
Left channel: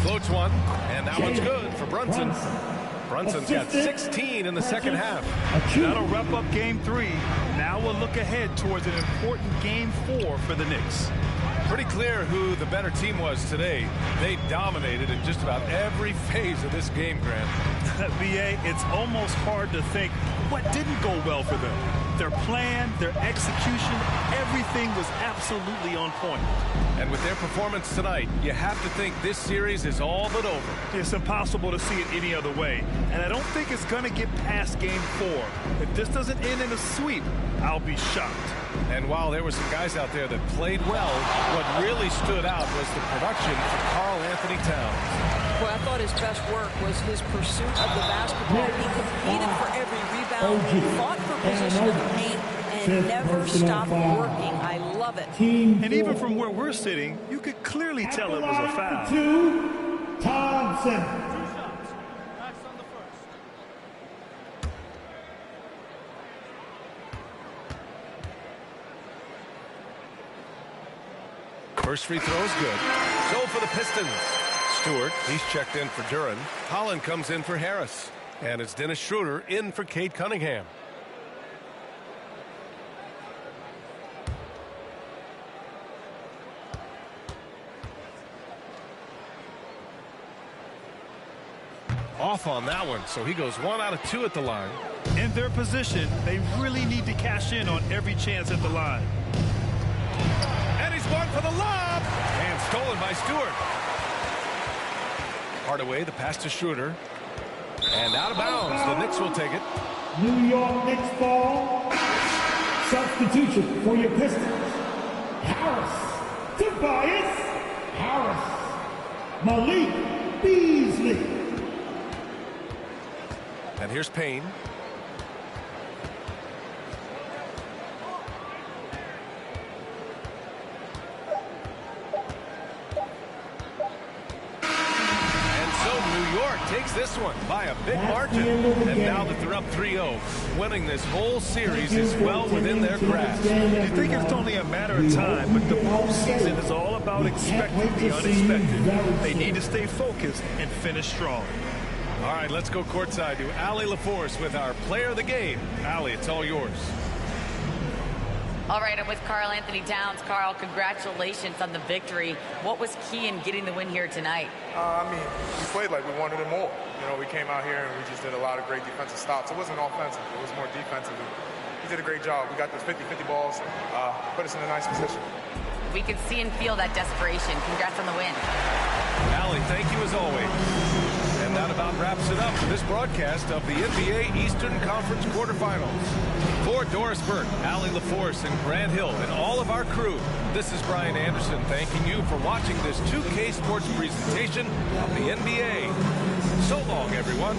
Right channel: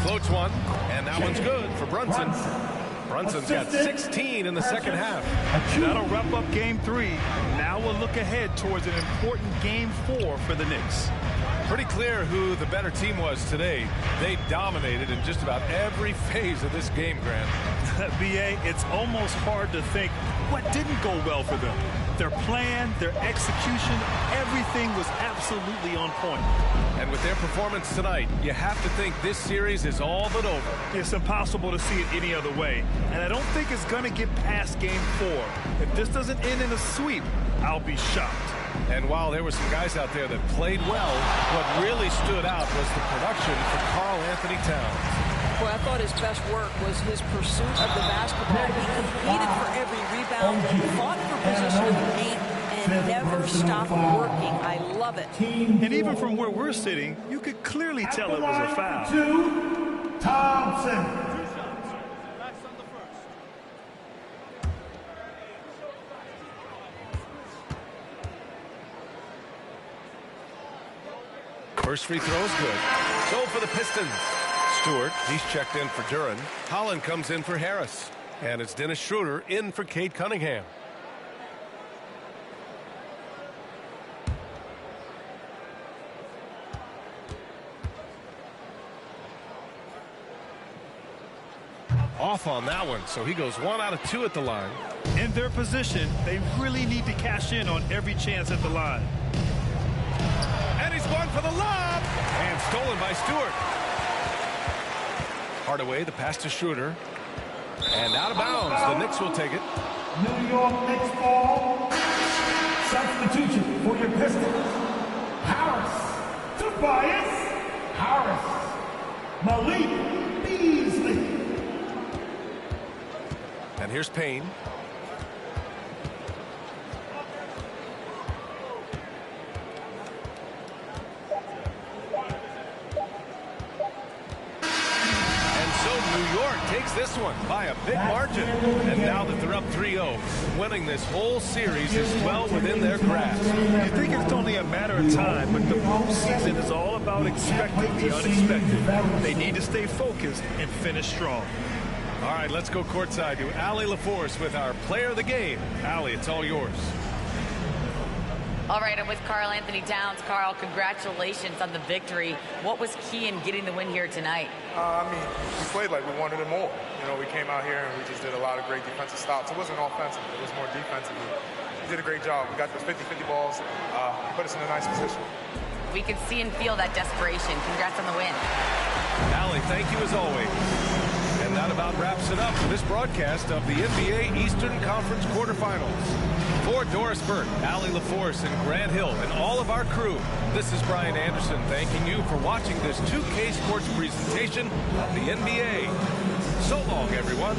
Floats one, and that one's good for Brunson. Brunson's got 16 in the second half. That'll wrap up game 3. Now we'll look ahead towards an important game 4 for the Knicks. Pretty clear who the better team was today. They dominated in just about every phase of this game, Grant. B.A., it's almost hard to think what didn't go well for them. Their plan, their execution, everything was absolutely on point. And with their performance tonight, you have to think this series is all but over. It's impossible to see it any other way. And I don't think it's going to get past game 4. If this doesn't end in a sweep, I'll be shocked. And while there were some guys out there that played well, what really stood out was the production for Karl Anthony Towns. Well, I thought his best work was his pursuit of the basketball. He competed for every rebound, fought for position in the paint, and never stopped working. I love it. And even from where we're sitting, you could clearly tell it was a foul. Thompson. 2 shots. Max on the first. First free throw is good. So for the Pistons. Stewart, he's checked in for Duren. Holland comes in for Harris. And it's Dennis Schroeder in for Cade Cunningham. Off on that one, so he goes 1 out of 2 at the line. In their position, they really need to cash in on every chance at the line. And he's going for the lob. And stolen by Stewart. Hardaway, the pass to Schroeder. And out of bounds. The Knicks will take it. New York Knicks ball. Substitution for your Pistons. Harris. Tobias Harris. Malik Beasley. And here's Payne. So New York takes this one by a big margin. And now that they're up 3-0, winning this whole series is well within their grasp. You think it's only a matter of time, but the postseason is all about expecting the unexpected. They need to stay focused and finish strong. All right, let's go courtside to Allie LaForce with our player of the game. Allie, it's all yours. All right, I'm with Karl Anthony Towns. Karl, congratulations on the victory. What was key in getting the win here tonight? We played like we wanted it more. You know, we came out here and we just did a lot of great defensive stops. It wasn't offensive. It was more defensive. We did a great job. We got those 50-50 balls, put us in a nice position. We could see and feel that desperation. Congrats on the win. Allie, thank you as always. And that about wraps it up for this broadcast of the NBA Eastern Conference quarterfinals. For Doris Burke, Allie LaForce, and Grant Hill, and all of our crew, this is Brian Anderson thanking you for watching this 2K Sports presentation of the NBA. So long, everyone.